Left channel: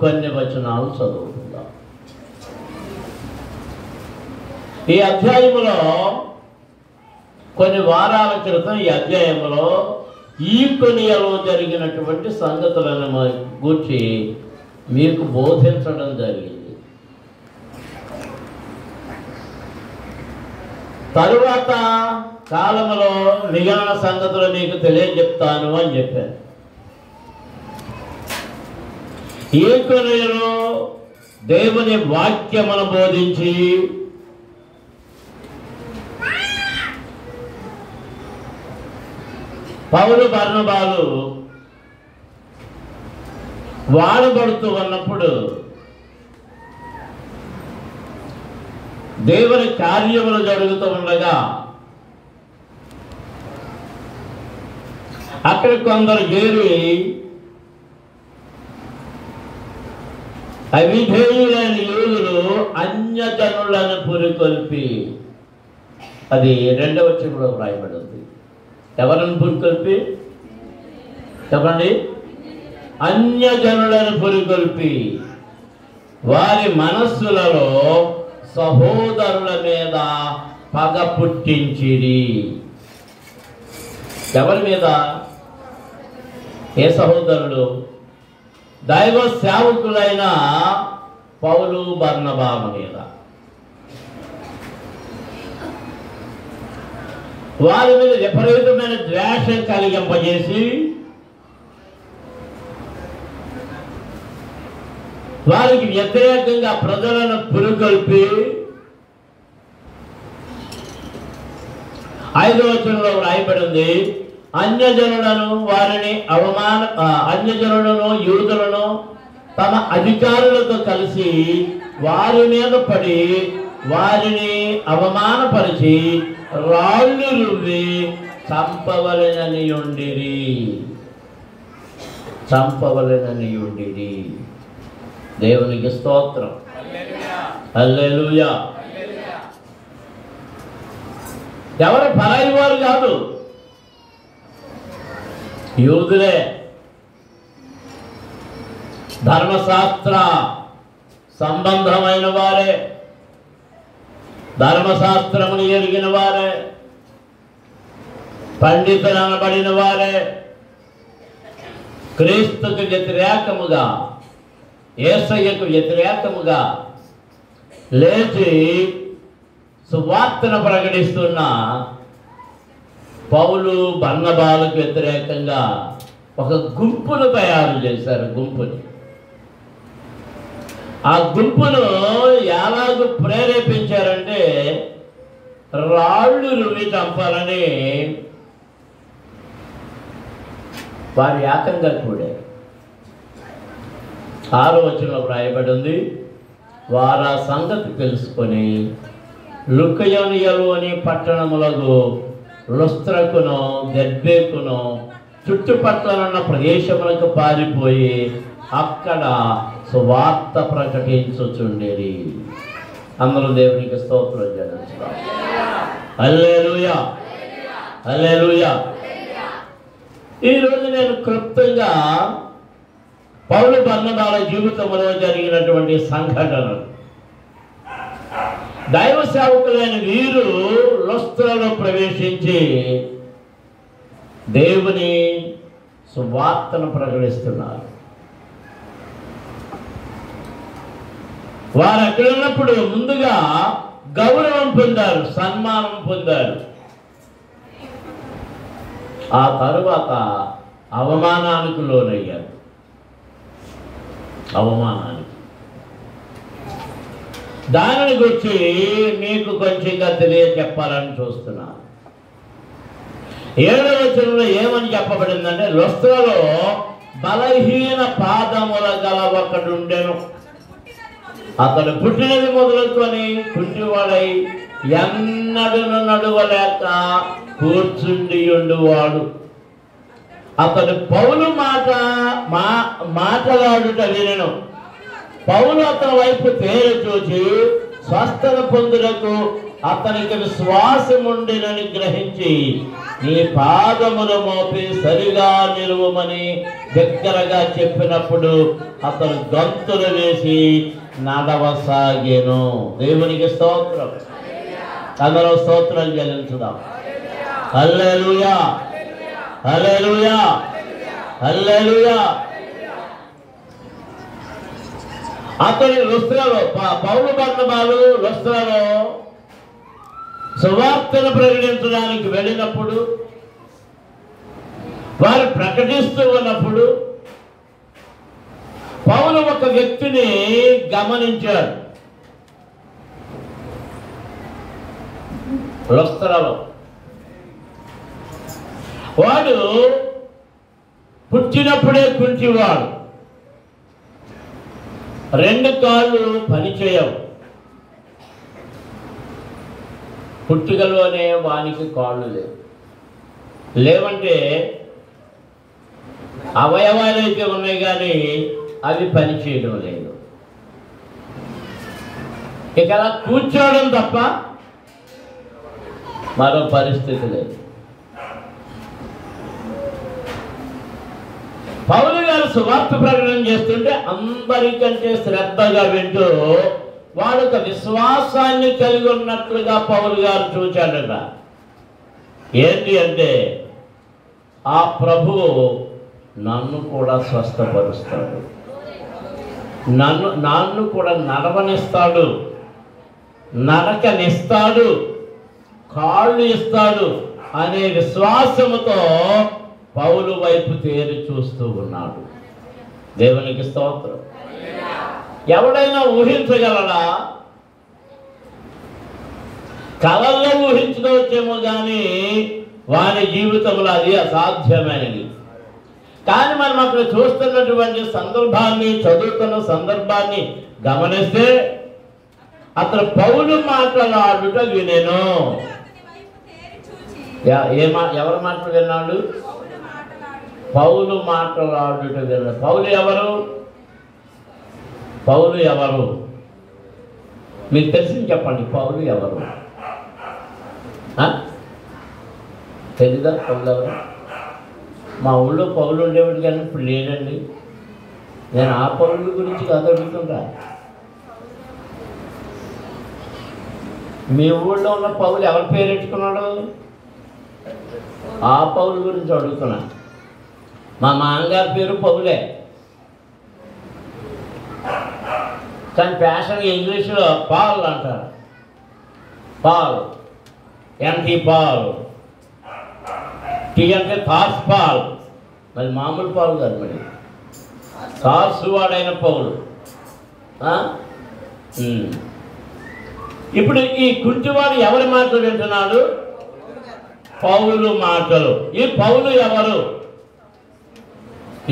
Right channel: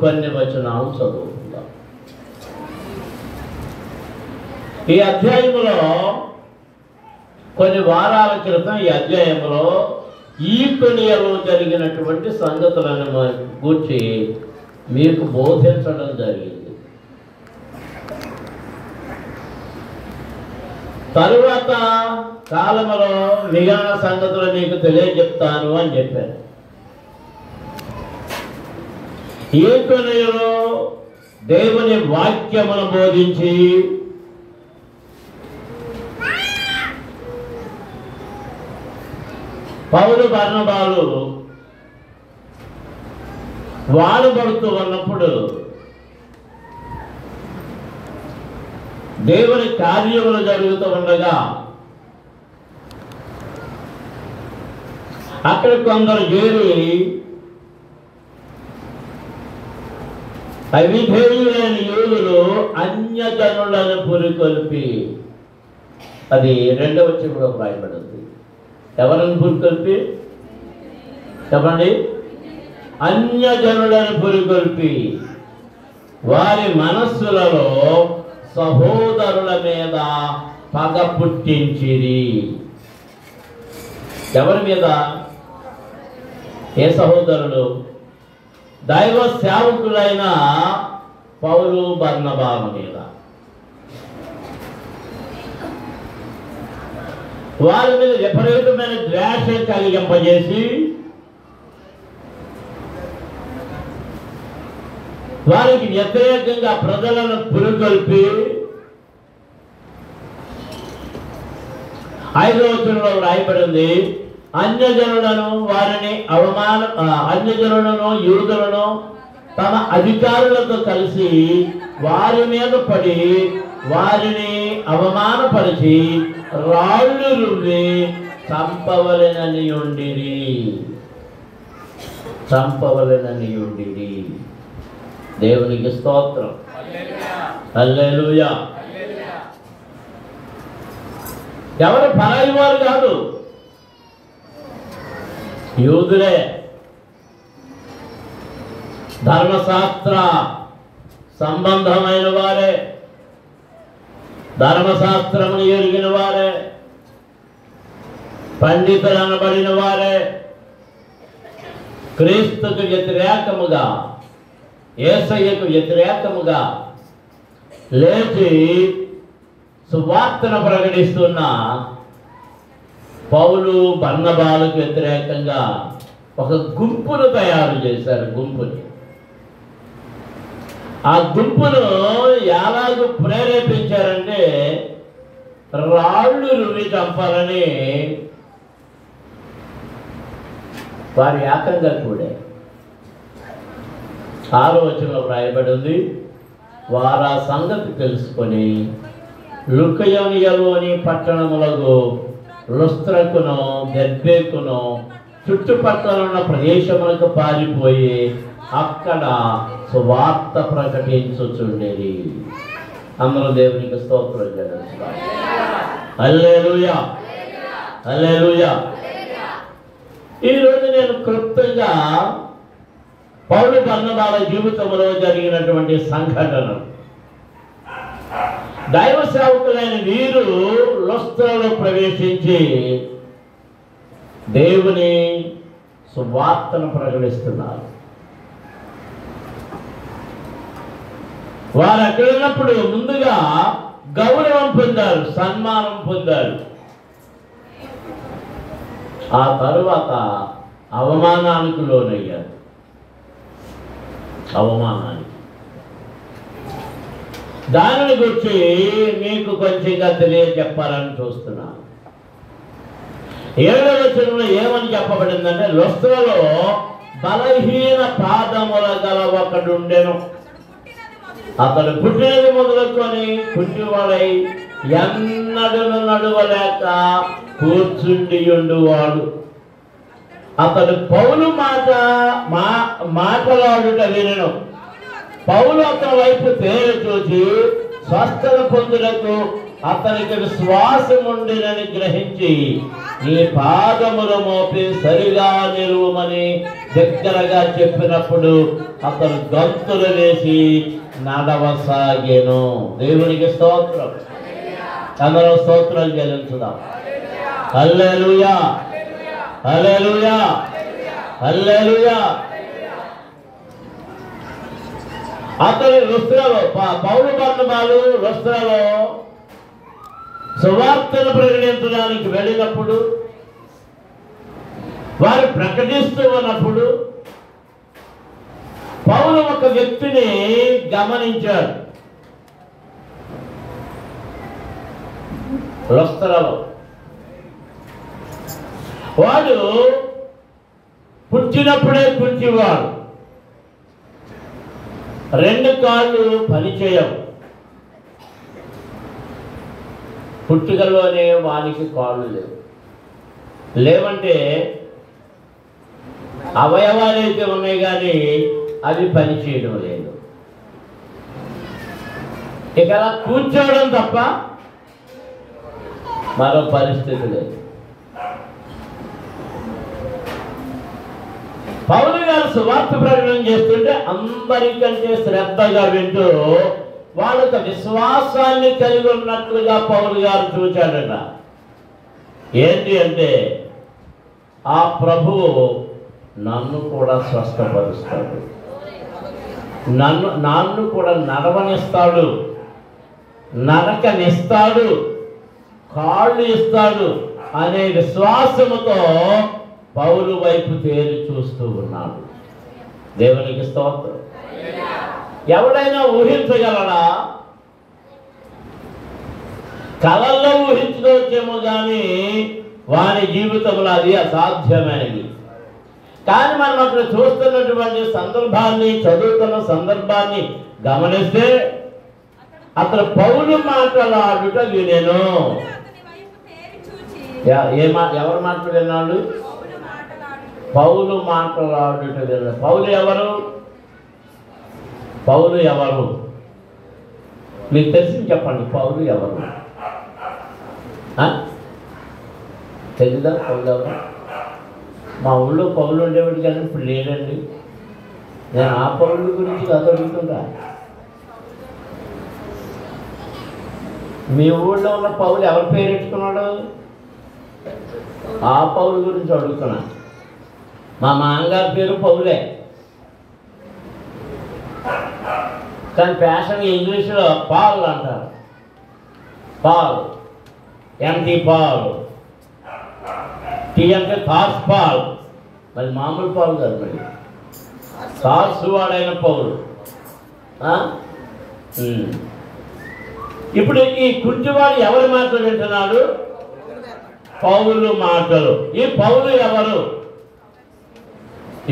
కొన్ని వచనాలు చదువుకుందాం. ఈ అధ్యాయములో కొన్ని వారాల క్రితం ఈ అధ్యాయంలో ఈకొనియలో జరిగినటువంటి సంగతులను గూర్చి మీకు బోధించడం జరిగింది. తరువాత కాలంలో మిగిలిన సంగతులు మీకు తెలియజెప్తాను అని చెప్పారు. ఈకొనియలో దేవుని వాక్యమును బోధించి పౌలు బర్నబాలు వాడబడుతూ ఉన్నప్పుడు దేవుని కార్యములు జరుగుతూ ఉండగా అక్కడ కొందరు చేరి అవిధేయులైన యూదులు అన్యజనులను పురికొల్పి, అది 2వ వచనంలో రాయబడింది. ఎవరిని పురికొల్పి? చెప్పండి. అన్యజనులను పురికొల్పి వారి మనస్సులలో సహోదరుల మీద పగ పుట్టించిరి. ఎవరి మీద? ఏ సహోదరులు? దైవ సేవకులైన పౌలు బర్నబాల మీద. వారి మీద విపరీతమైన ద్వేషం కలిగింపజేసి వారికి వ్యతిరేకంగా ప్రజలను పురుగొల్పి 5వ వచనంలో రాయబడింది, అన్యజనులను అన్యజనులను యూదులను తమ అధికారులతో కలిసి వారి మీద పడి వారిని అవమానపరిచి రాళ్ళు రువ్వి చంపవలెనని ఉండిరి. దేవునికి స్తోత్రం. హల్లెలూయా. ఎవరు పరాయి వారు కాదు, యూదులే. ధర్మశాస్త్ర సంబంధమైన వారే, ధర్మశాస్త్రమును ఎరిగిన వారే, పండితులు అనబడిన వారే, క్రీస్తుకు వ్యతిరేకముగా, యేసయ్యకు వ్యతిరేకముగా లేచి సువార్తను ప్రకటిస్తున్న పౌలు బర్నబాలకు వ్యతిరేకంగా ఒక గుంపును తయారు చేశారు. ఆ గుంపును ఎలాగూ ప్రేరేపించారంటే రాళ్ళు రువ్వి చంపాలని వారి ఏకంగా కూడా 6వ వచనంలో రాయబడింది. వారు ఆ సంగతి తెలుసుకొని లుకయోనియలోని పట్టణములకు లుస్త్రకును దెర్బేకును చుట్టుపక్కల ఉన్న ప్రదేశములకు పారిపోయి అక్కడ సువార్త ప్రకటించుచుండేది. అందరూ దేవునికి స్తోత్రం చేయవచ్చు. హల్లెలూయా, హల్లెలూయా. ఈరోజు నేను క్లుప్తంగా పౌలు బర్నబాల జీవితంలో జరిగినటువంటి సంఘటన, దైవ సేవకులైన వీరు లుస్త్రలో ప్రవేశించి దేవుని సువార్తను ప్రకటిస్తున్నారు. వారు అక్కడ ఉన్నప్పుడు ముందుగా గౌరవం పొందారు, సన్మానం పొందారు. ఆ తరువాత అవమానానికి లోనయ్యారు. దానిని గురించి మీకు కొంచెంగా తెలియజెప్పాలని చూస్తున్నాను. 7వ వచనంలో ఏమని చెప్పబడిందంటే, లుస్త్రలో బలహీన పాదముల గల ఒకడుండెను. అతడు పుట్టినది మొదలుకొని కుంటివాడై ఎన్నడను నడువలేక కూర్చుండి ఉండువాడు. అతడు పౌలు మాటలాడుట వినెను. పౌలు అతని వైపు తేరు చూచి స్వస్థత పొందుటకు అతనికి విశ్వాసం ఉండినని గ్రహించి నీ పాదములు మోపి సరిగా నిలువమని దగ్గరగా చెప్పినప్పుడు అతను గంతులు వేసి నడవసాగెను. దేవునికి స్తోత్రం. అందరూ స్తోత్రం చెల్లించుదాం. హల్లెలూయా, హల్లెలూయా, హల్లెలూయా. అతని లుస్త్రలో పౌలు బర్నబాలు లుస్త్రలో సువార్తను ప్రకటించడానికి వెళ్ళినప్పుడు, వారు ప్రకటిస్తూ ఉన్నప్పుడు పౌలు ఒక వ్యక్తిని గమనించాడు. లుస్త్రలో వాడు పుట్టినప్పుడే కుంటివాడు, 2 కాళ్ళు పనిచేయవు. పుట్టుకలోనే వానికి కాళ్ళు లేవంటే అవయవాలు అయితే ఉన్నాయి కానీ అవి పనిచేయడం లేదు. ఇక అలా కూర్చోవడం తప్ప మరో పరిస్థితి లేదు. పౌలు గారు సువార్త ప్రకటన చేస్తుంటే అందరికంటే శ్రద్ధగా వింటూ వాళ్ళొక విశ్వాసాన్ని కలిగి ఉన్నట్లుగా పౌలు గారు చూచాడట. ఏంటి అంటే, ఆ ప్రభువు నన్ను కూడా స్వస్థపరుస్తాడు, నన్ను కూడా నడవనిస్తాడు, నడకనిస్తాడు, కాళ్ళు ఇస్తాడు అనే విశ్వాసముతో పౌలు వైపు తేరి చూస్తూ ఉన్నాడు. దేవునికి స్తోత్రం. ఎవడైనా ఊహించగలడా? కలల్లో ఊహించుకోవచ్చేమో కానీ వారి జీవితంలో అది అసాధ్యమైనది. కానీ మనం అక్కడ చూస్తున్నటువంటి సందర్భాన్ని, చదువుతున్న సందర్భాన్ని గమనిస్తే అక్కడ పౌలు మాట్లాడుట వినేను. ఎవరు మాటలు విన్నాడు? పౌలు మాట్లాడుట విన్నాడు. పౌలు ఎవరు? పౌలు ఎవరు మీకు తెలిసి చెప్పండి. పౌలు ఎవరు తెలీదా? పౌలు మా ఊళ్ళో పౌలు ఉండేవాడు కానీ ఇప్పుడు లేడండి. నేను ఆ పౌలు గురించి కాదు అడుగుతుంటా. మీ ఊళ్ళో ఉన్న పౌలు ఎవరి పేరు పెట్టుకున్నాడు? ఆ పౌలు గురించి అడుగుతున్నా. మా మామగారి పేరు పౌలే, కానీ ఫ్యాషన్ ఇంగ్లీష్లో పాల్ అంటారు. పాల్, ఎన్టీ పాల్, టీ అంటే థార్స్ పాల్. మరి మామూలు పాలు కాదు, మరి థార్స్ వాడైన పౌలు. ఇప్పుడు ఈ కుంటివాడు ఎవరి మాటలు వింటున్నాడు? పౌలు మాటలు. ఈ పౌలు ఎవరు?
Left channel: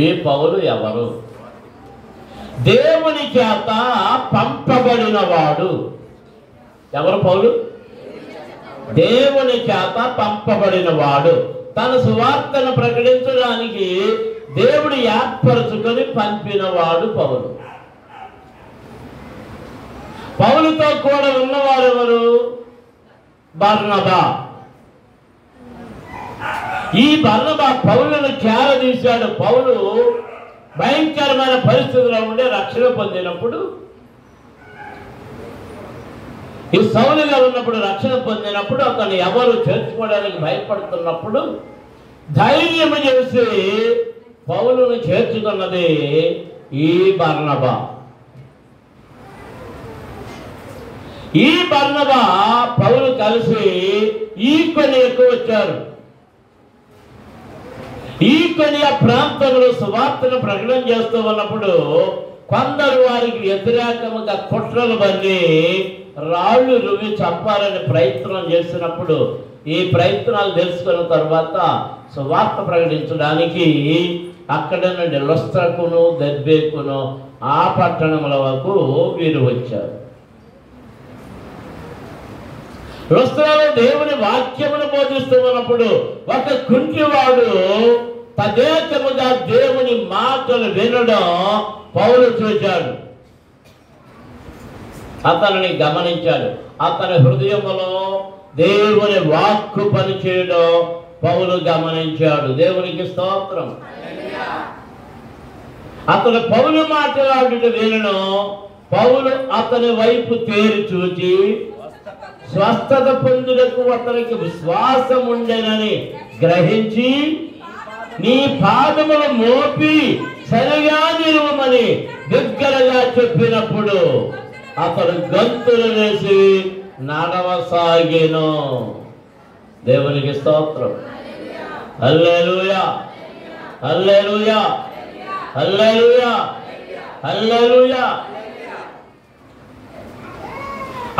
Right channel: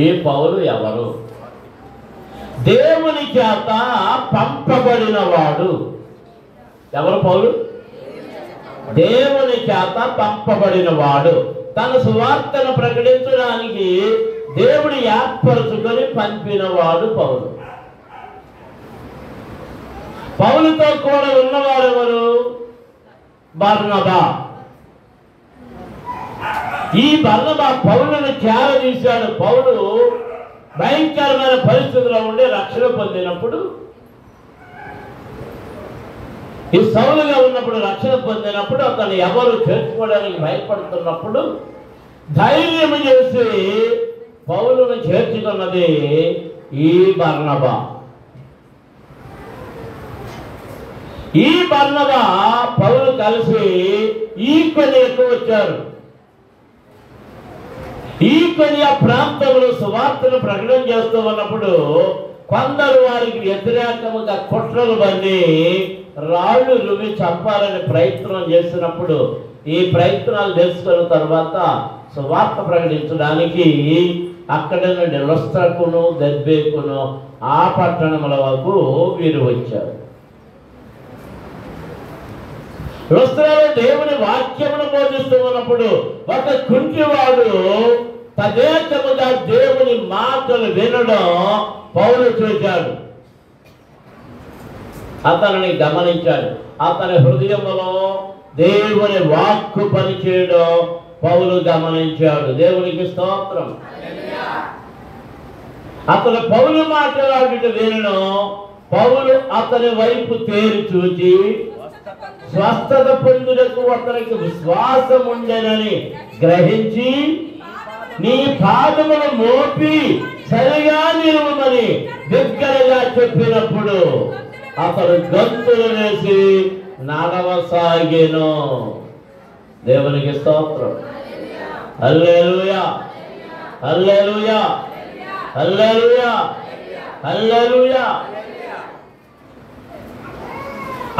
ఈ పౌలు ఎవరు? దేవుని చేత పంపబడిన వాడు. ఎవరు పౌలు? దేవుని చేత పంపబడిన వాడు. తన సువార్తను ప్రకటించడానికి దేవుడు ఏర్పరచుకొని పంపినవాడు పౌలు. పౌలుతో కూడా ఉన్నవారు ఎవరు? బర్నబా. ఈ బర్నబా పౌలును చేరదీశాడు. పౌలు భయంకరమైన పరిస్థితుల్లో ఉండే రక్షణ పొందినప్పుడు, ఈ సౌలుగా ఉన్నప్పుడు రక్షణ పొందినప్పుడు, అతను ఎవరు చేర్చుకోవడానికి భయపడుతున్నప్పుడు ధైర్యం చేసి పౌలును చేర్చుకున్నది ఈ బర్నబా. ఈ బర్నబా పౌలు కలిసి ఈ పని ఎక్కువ వచ్చారు. ఈ పని ఆ ప్రాంతంలో సువార్తను ప్రకటన చేస్తూ ఉన్నప్పుడు కొందరు వారికి వ్యతిరేకముగా కుట్రలు బండి రాళ్ళు రువి చంపాలని ప్రయత్నం చేసినప్పుడు, ఈ ప్రయత్నాలు తెలుసుకున్న తర్వాత సువార్త ప్రకటించడానికి అక్కడ నుండి లుస్త్రకును దెర్బేకును ఆ పట్టణముల వరకు వీరు వచ్చారు. లుస్త్రలో దేవుని వాక్యమును బోధిస్తూ ఉన్నప్పుడు ఒక కుంటివాడు తదేకముగా దేవుని మాటలు వినడం పౌలు చూశాడు. అతనిని గమనించాడు. అతని హృదయంలో దేవుని వాక్కు పనిచేయడం పౌలు గమనించాడు. దేవునికి స్తోత్రం. అతను పౌలు మాట్లాడుట వినను. పౌలు అతని వైపు తేరి చూచి స్వస్థత పొందుటకు అతనికి విశ్వాసం ఉండెనని గ్రహించి నీ పాదమును మోపి సరిగా నిలువమని దగ్గరగా చెప్పినప్పుడు అతడు గంతులు వేసి నడవసాగెను. దేవునికి స్తోత్రం. హల్లెలూయా, హల్లెలూయా, హల్లెలూయా, హల్లెలూయా.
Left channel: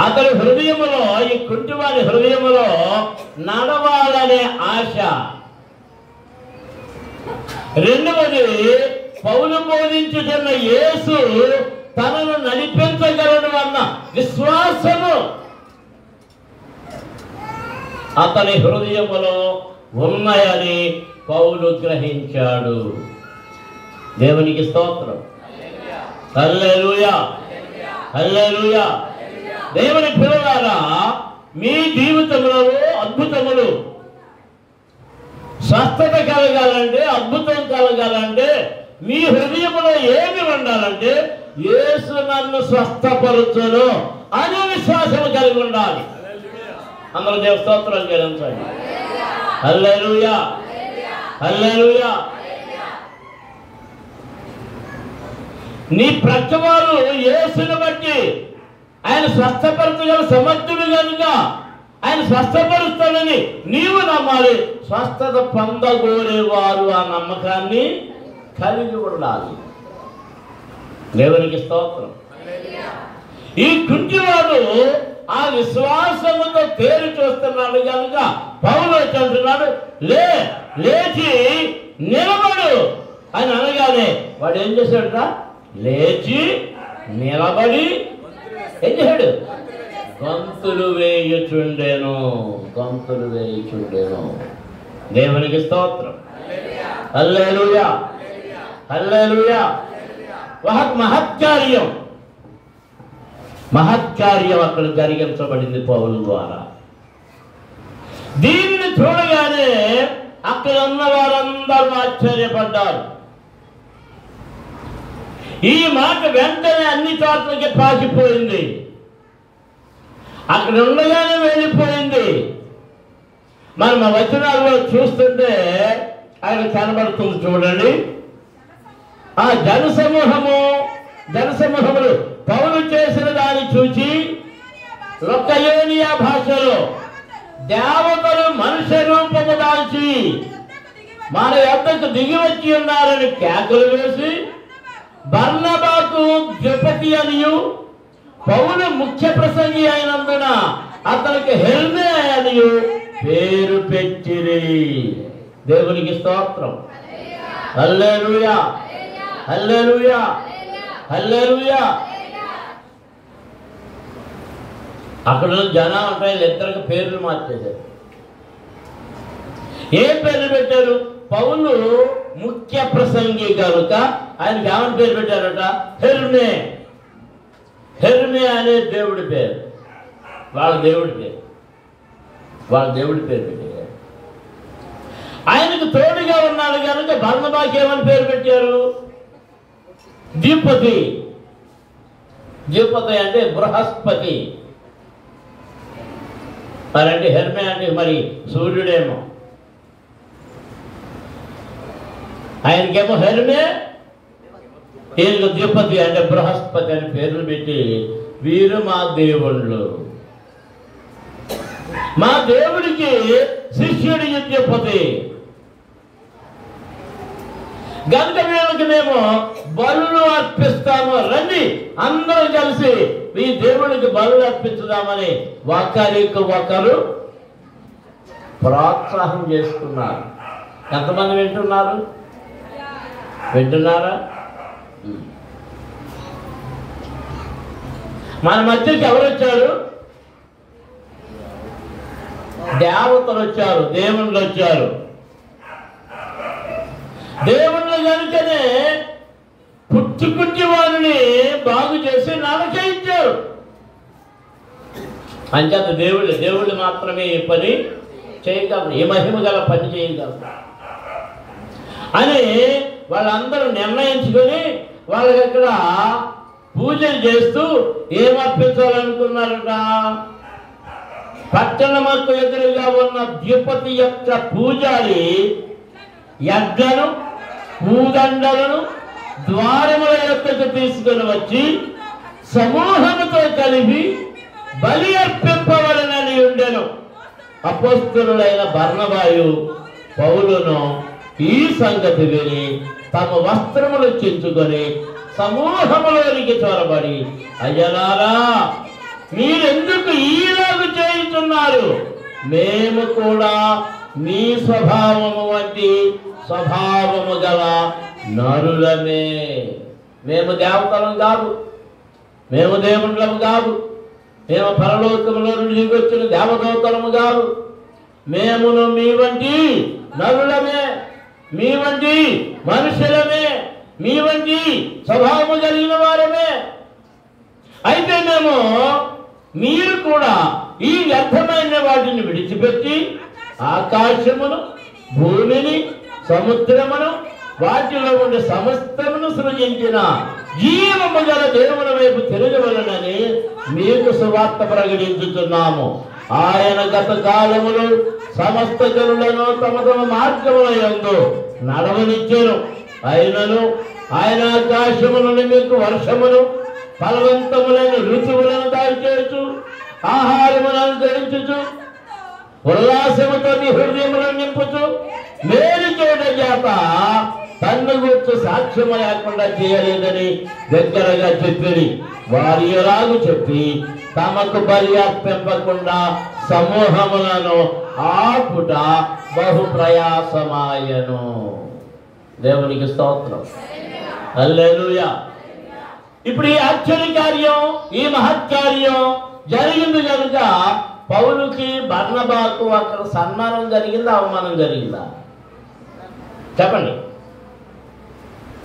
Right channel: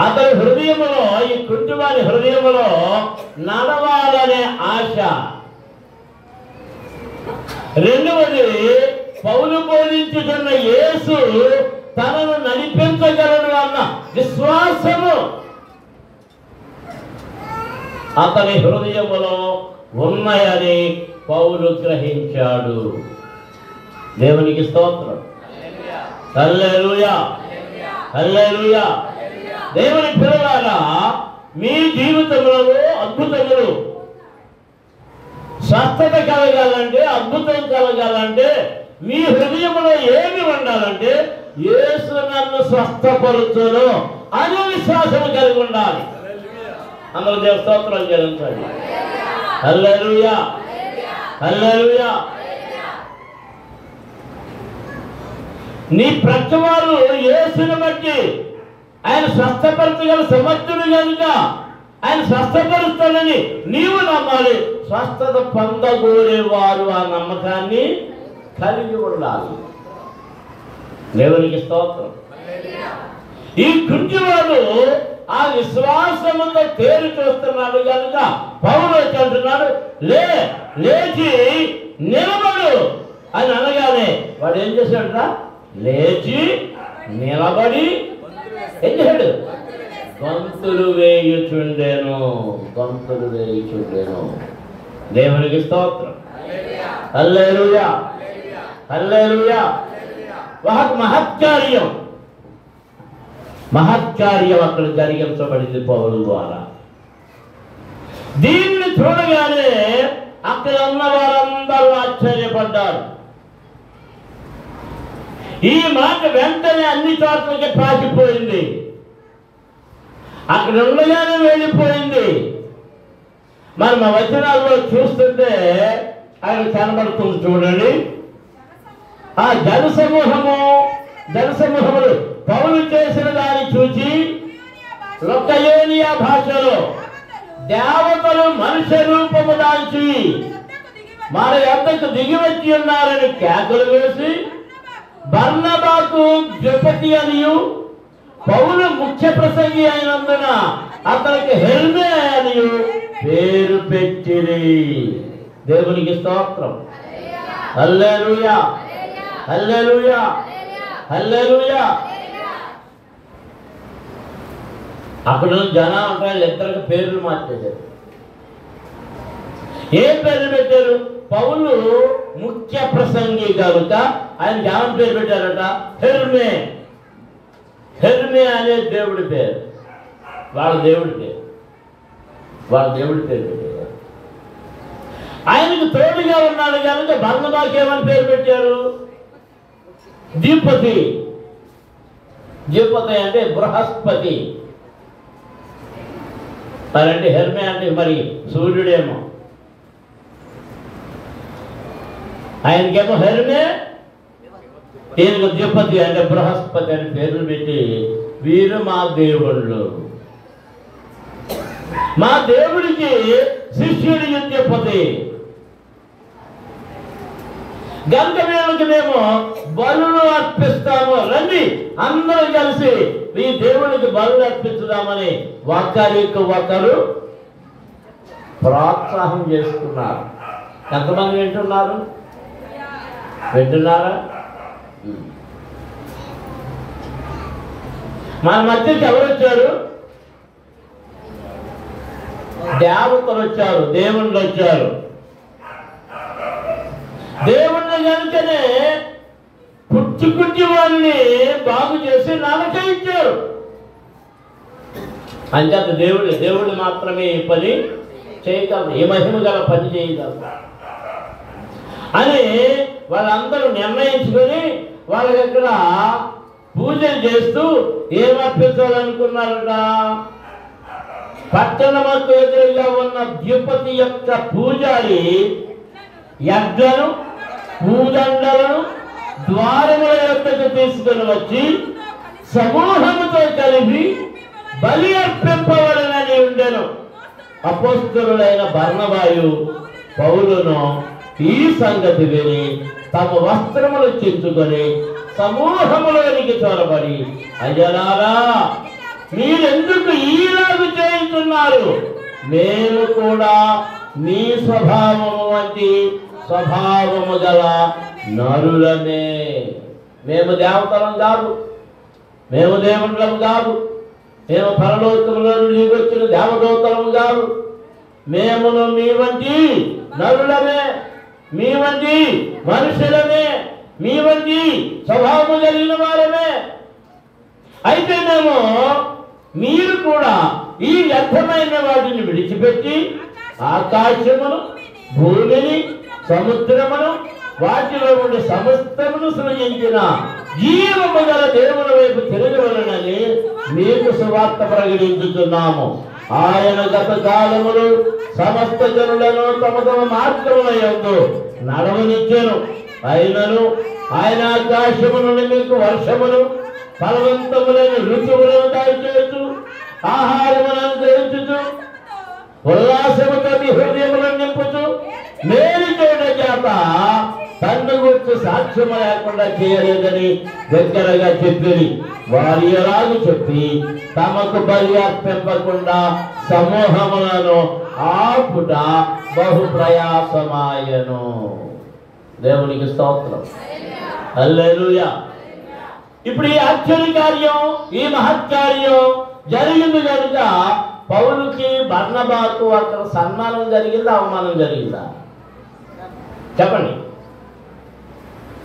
అతని హృదయములో, ఈ కుంటివాని హృదయములో నడవాలనే ఆశ. రెండవది, పౌలు బోధించుతున్న యేసు తనను నడిపించగలడు అన్న విశ్వాసము అతని హృదయములో ఉన్నాయని పౌలు గ్రహించాడు. దేవునికి స్తోత్రం. హల్లెలూయా, హల్లెలూయా. దేవుని పిల్లలారా, మీ జీవితంలో అద్భుతములు, స్వస్థత కలగాలంటే, అద్భుతం కలగాలంటే మీ హృదయంలో ఏమి ఉండాలంటే యేసు నన్ను స్వస్థపరుచును అనే విశ్వాసం కలిగి ఉండాలి. అందరూ దేవ స్తోత్రాలు చెల్లించండి. హల్లెలూయా, హల్లెలూయా. నీ ప్రతివారు యేసుని బట్టి ఆయన స్వస్థపరచగల సమర్థుడు కనుక ఆయన స్వస్థపరుస్తాడని నీవు నమ్మాలి. స్వస్థత పొందగోరేవారు ఆ నమ్మకాన్ని కలిగి ఉండాలి. దేవునికి స్తోత్రం. ఈ కుంటివాడు ఆ విశ్వాసముతో తేరి చూస్తున్నాడు కనుక పౌలు వచ్చి అంటున్నాడు, లేచి నిలబడు అని అనగానే వాడు ఏం చేశాడట? లేచి నిలబడి ఏం చేశాడు? గంతులు వేయుచుండెను, గంతులు వేయుచుండెను. దేవునికి స్తోత్రం. హల్లెలూయా, హల్లెలూయా. మహత్కార్యం, మహత్కార్యం అక్కడ జరిగించబడింది పౌలు ద్వారా. దీనిని చూడగానే అక్కడ ఉన్న వారందరూ ఆశ్చర్యపడ్డారు. ఈ మాట వెంటనే అన్ని చోట్లకి పాకిపోయింది. అక్కడ ఉండగానే వెళ్ళిపోయింది. మనం ఆ వచనాల్లో చూస్తుంటే ఆయన కనబడుతుంది చూడండి. ఆ జనసమూహములు పౌలు చేసిన దాన్ని చూచి లొకయోనియా భాషలో దేవతలు మనుష్య రూపము దాల్చి మన యొద్దకు దిగి వచ్చి ఉన్నారని కేకలు వేసి బర్నబాకు ద్విపతి అనియు పౌలు ముఖ్య ప్రసంగి అయినందున అతనికి హెర్మే అనియు పేరు పెట్టిరి. దేవునికి స్తోత్రం. హల్లెలూయా, హల్లెలూయా, హల్లెలూయా. అక్కడ జనాలు ఉంటాయి, ఇద్దరికి పేర్లు మార్చేశారు. ఏ పేర్లు పెట్టారు? పౌలు ముఖ్య ప్రసంగి కనుక ఆయనకి ఏమని పేరు పెట్టారట? హెర్మే. హెర్మే అనే దేవుడి పేరు, వాళ్ళ దేవుడి పేరు, వాళ్ళ దేవుడి పేరు పెట్టారు. ఆయనకు తోడుగా ఉన్నాడు కనుక బర్నబాకి ఏమని పేరు పెట్టారు? ద్విపతి. ద్విపతి అంటే బృహస్పతి. మరంటే హెర్మే అంటే మరి సూర్యుడేమో. ఆయనకేమో హెర్మే, ఈయనకు ద్విపతి అంటే బృహస్పతి అని పేర్లు పెట్టి వీరు మా దేవుళ్ళు, మా దేవుడికి శిష్యుడి ద్విపతి గంట వీళ్ళకి మేము బలులు అర్పిస్తాము, రండి అందరం కలిసి ఈ దేవుడికి బలులు అర్పించుదామని ఒకరికి ఒకరు ప్రోత్సాహం చేసుకున్నారు. ఎంతమంది వింటున్నారు? వింటున్నారా? మన మధ్యకి ఎవరు వచ్చారు? దేవతలు వచ్చారు, దేవుళ్ళు వచ్చారు. దేవుళ్ళ కనుకనే పుట్టుకుట్టి వారిని బాగు చేసి నరకయించారు. అంచేత దేవుళ్ళు మాత్రమే ఈ పని చేయగలరు, ఏ మహిమ గల పని చేయగలరు అని వాళ్ళందరూ నిర్ణయించుకొని వాళ్ళకి అక్కడ పూజలు చేస్తూ ఏమర్పించాలనుకున్నారట? పట్టణముకు ఎదురుగా ఉన్న ద్విపతి యొక్క పూజారి యజ్ఞను పూదండలను ద్వారముల యొక్కకు తీసుకొని వచ్చి సమూహముతో కలిపి బలి అర్పింపవలనని ఉండెను. అపోస్తలులైన బర్నబాయు పౌలును ఈ సంగతి విని తమ వస్త్రములు చించుకొని సమూహములోనికి చొరబడి, అయ్యలారా, మీరెందుకు ఈలాగు చేయుచున్నారు? మేము కూడా మీ స్వభావము వంటి స్వభావము గల నరులమే. మేము దేవతలం కాదు, మేము దేవుళ్ళము కాదు, మేము పరలోకములో నుండి వచ్చిన దేవదూతలము కాదు. మేమును మీ వంటి నరులమే, మీ వంటి మనుషులమే, మీ వంటి స్వభావము కలిగిన వారమే. అయితే మేము మీరు కూడా ఈ వ్యర్థమైన వాటిని విడిచిపెట్టి ఆకాశమును, భూమిని, సముద్రమును, వాటిలో ఉండే సమస్తమును సృజించిన జీవము గల దేవుని వైపు తిరగవలనని మీకు సువార్త ప్రకటించుతున్నాము. ఆయన గత కాలములు సమస్త జనులను తమ తమ మార్గముల యందు నడవనిచ్చెను. అయినను ఆయన ఆకాశము నుండి మీకు వర్షమును, ఫలవంతములైన ఋతువులను దయచేయచ్చు, ఆహారములను అనుగ్రహించుచు, ఉల్లాసముతో మీ హృదయములను నింపుచు, మేలు చోట చేత తన్ను గుర్తు సాక్ష్యం లేకుండా చేయలేదని దగ్గరగా చెప్పింది. వారి ఎలాగూ చెప్పి తమకు బలి అర్పింపకుండా సమూహములను ఆపుట బహు ప్రయాసమాయను. దేవునికి స్తోత్రం, హల్లెలూయా. ఇప్పుడు ఈ ఆశ్చర్య కార్యం, ఈ మహత్కార్యం జరిగింది కనుక పౌలుకి బర్నబాకు అక్కడ సన్మానం జరిగిందా, అవమానం జరిగిందా? చెప్పండి.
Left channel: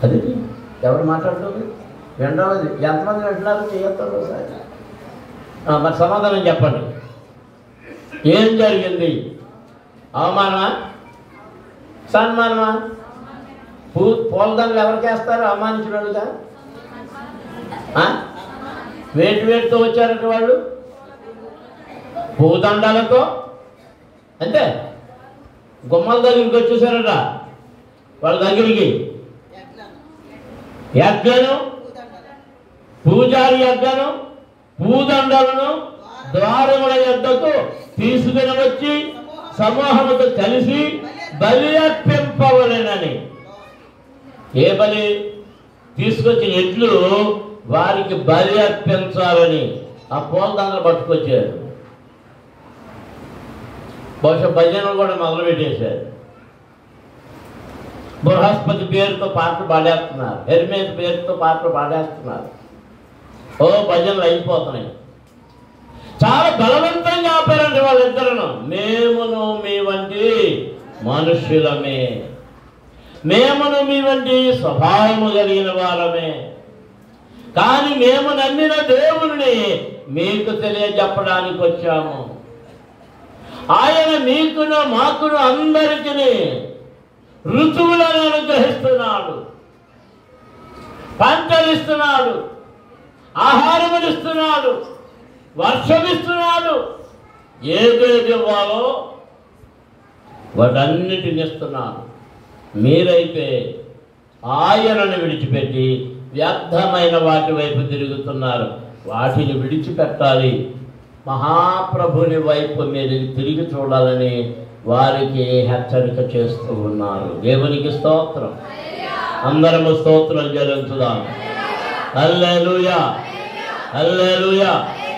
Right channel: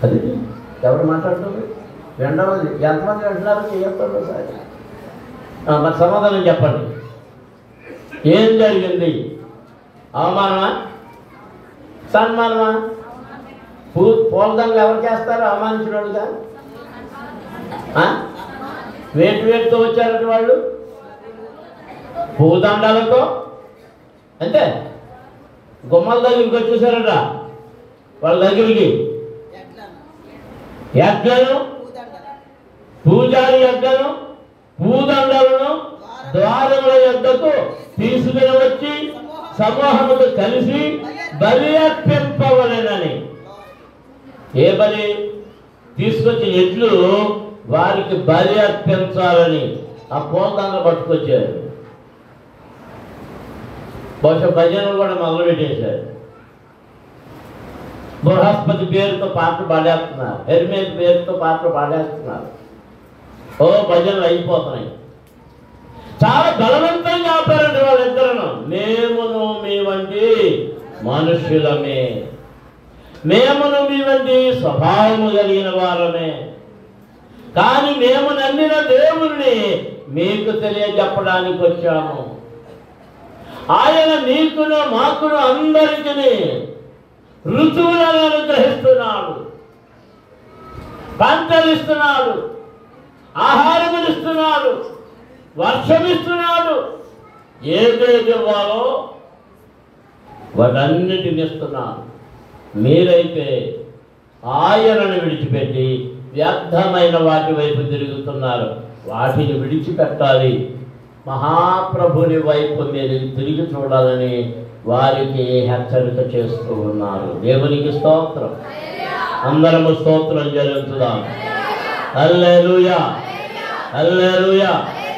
అది ఎవరు మాట్లాడుతుంది? రెండవది ఎంతమంది అంటున్నారు? చేయొద్దు సార్, మరి సమాధానం చెప్పండి. ఏం జరిగింది? అవమానమా, సన్మానమా? పూలదండలు ఎవరికి వేస్తారు అవమానించినోడుగా? వేటితో వచ్చారంటే వాళ్ళు పూదండాలతో, అంతే. గుమ్మల దగ్గరికి వచ్చేసారట. వాళ్ళ దగ్గరికి యజ్ఞను, పూజారి యజ్ఞను, పూదండాలను ద్వారముల యొద్దకు తీసుకుని వచ్చి సమూహముతో కలిసి బలి అర్పింపవలెనని. ఏ బలి? తీసుకొచ్చి ఎడ్లు వారికి బలి అర్పించాలని ఆ పూలదండలు పట్టుకొచ్చారు. బహుశా భజనలు కూడా మొదలు పెట్టేశారు. బృహస్పతి పేరుతో పాటలు పాడేస్తున్నారు, హెర్మేస్ పేరుతో పాటలు పాడేస్తున్నారు. ఓ భజనలు అయిపోతున్నాయి. చాలా బలవంతంగా ఆపారంటే వాళ్ళిద్దరును. మేమును మీ వంటి మనుష్యులమే, మేమును మీ వంటి స్వభావము కలిగిన వారమే, కానీ మేము నమ్మిన దేవుణ్ణి మీకు తెలియజెప్పడానికి వచ్చాము. ఆయన మీకును మాకును అందరికీ ఋతువులను అనుగ్రహిస్తున్నాడు, పంటలిస్తున్నాడు, ఆహారమునిస్తున్నాడు, వర్షమిస్తున్నాడు. ఏదేది ఇవ్వాలో వాటన్నిటిని ఇస్తున్నాడు. మీరైతే ఆయనను విడిచిపెట్టి వ్యర్థమైన వాటి వైపు తిరుగుతున్నారు. వాటిని విడిచిపెట్టాలి, మహాప్రభుని వైపు మీరు తిరిగి చూడాలని వారికి హెచ్చరిక చేస్తూ ఉన్నారు. దేవునికి స్తోత్రం. అందరము స్తోత్రం చెల్లించుదాం. హల్లెలూయా, హల్లెలూయా.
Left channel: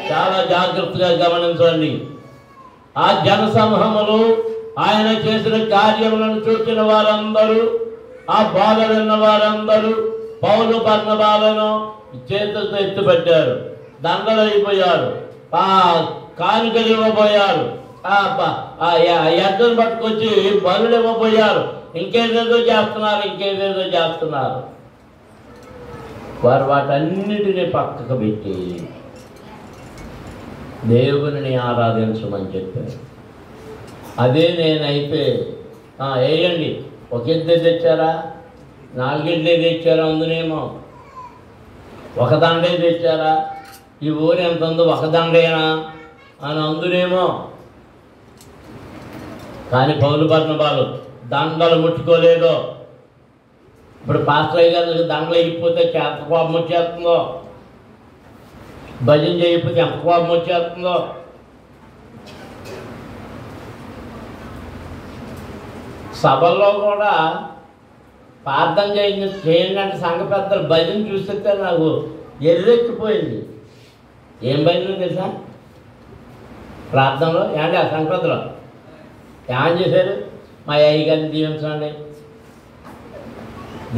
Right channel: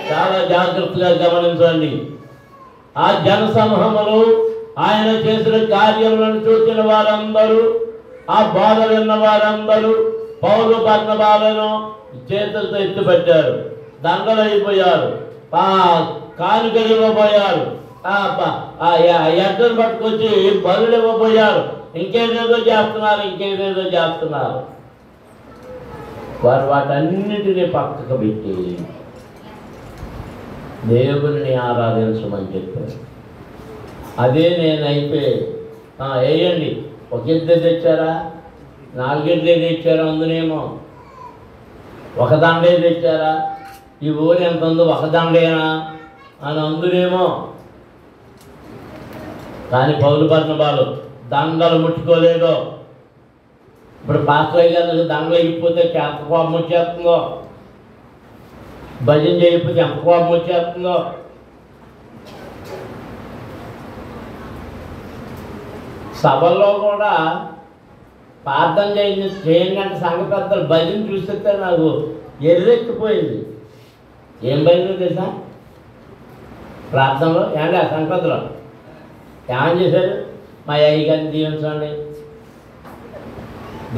చాలా జాగ్రత్తగా గమనించండి. ఆ జనసమూహములు, ఆయన చేసిన కార్యములను చూసిన వారందరూ, ఆ బాధ విన్న వారందరూ పౌలు బర్నబాలను చేతులతో ఎత్తుపెట్టారు, దండలు అయిపోయారు, ఆ కానుకలు ఇవ్వబోయారు, ఎద్దరు పట్టుకొచ్చి బలులు ఇవ్వబోయారు, ఇంకేదేదో చేస్తున్నారు. వారు వాటన్నిటినీ పక్కకు పెట్టి దేవుని ఆరాధించమని చెప్పారు. అదే నేనైతే వేయండి. ఒక ఇద్దరు తెచ్చారా, 4 ఇడ్లీ తెచ్చారా, అందునేమో ఒక దండే తెచ్చారా, ఈ ఊరు ఎంత ఉందో ఒక దండేనా అని అందునేమో. కానీ పౌలు బర్నబాలు దండలు ముట్టుకోలేదు. ఇప్పుడు పాస్టర్ గారు దండలు అయిపోతే ఎంత కోపం వచ్చేస్తుందో, భజన చేయకపోతే ఎంత కోపం వచ్చేస్తుందో. సభల్లో కూడా ప్రార్థన చేయండి అంటే సంఘ పెద్దలు భజన చూస్తే నాకు ఎర్రెక్కిపోయింది. ఏం భజన తెలుసా? ప్రార్థనలో ఏంటి ఆ సంఘ పెద్దలు ఏమని చేశారు? మా అయ్య గారిని దీవించండి.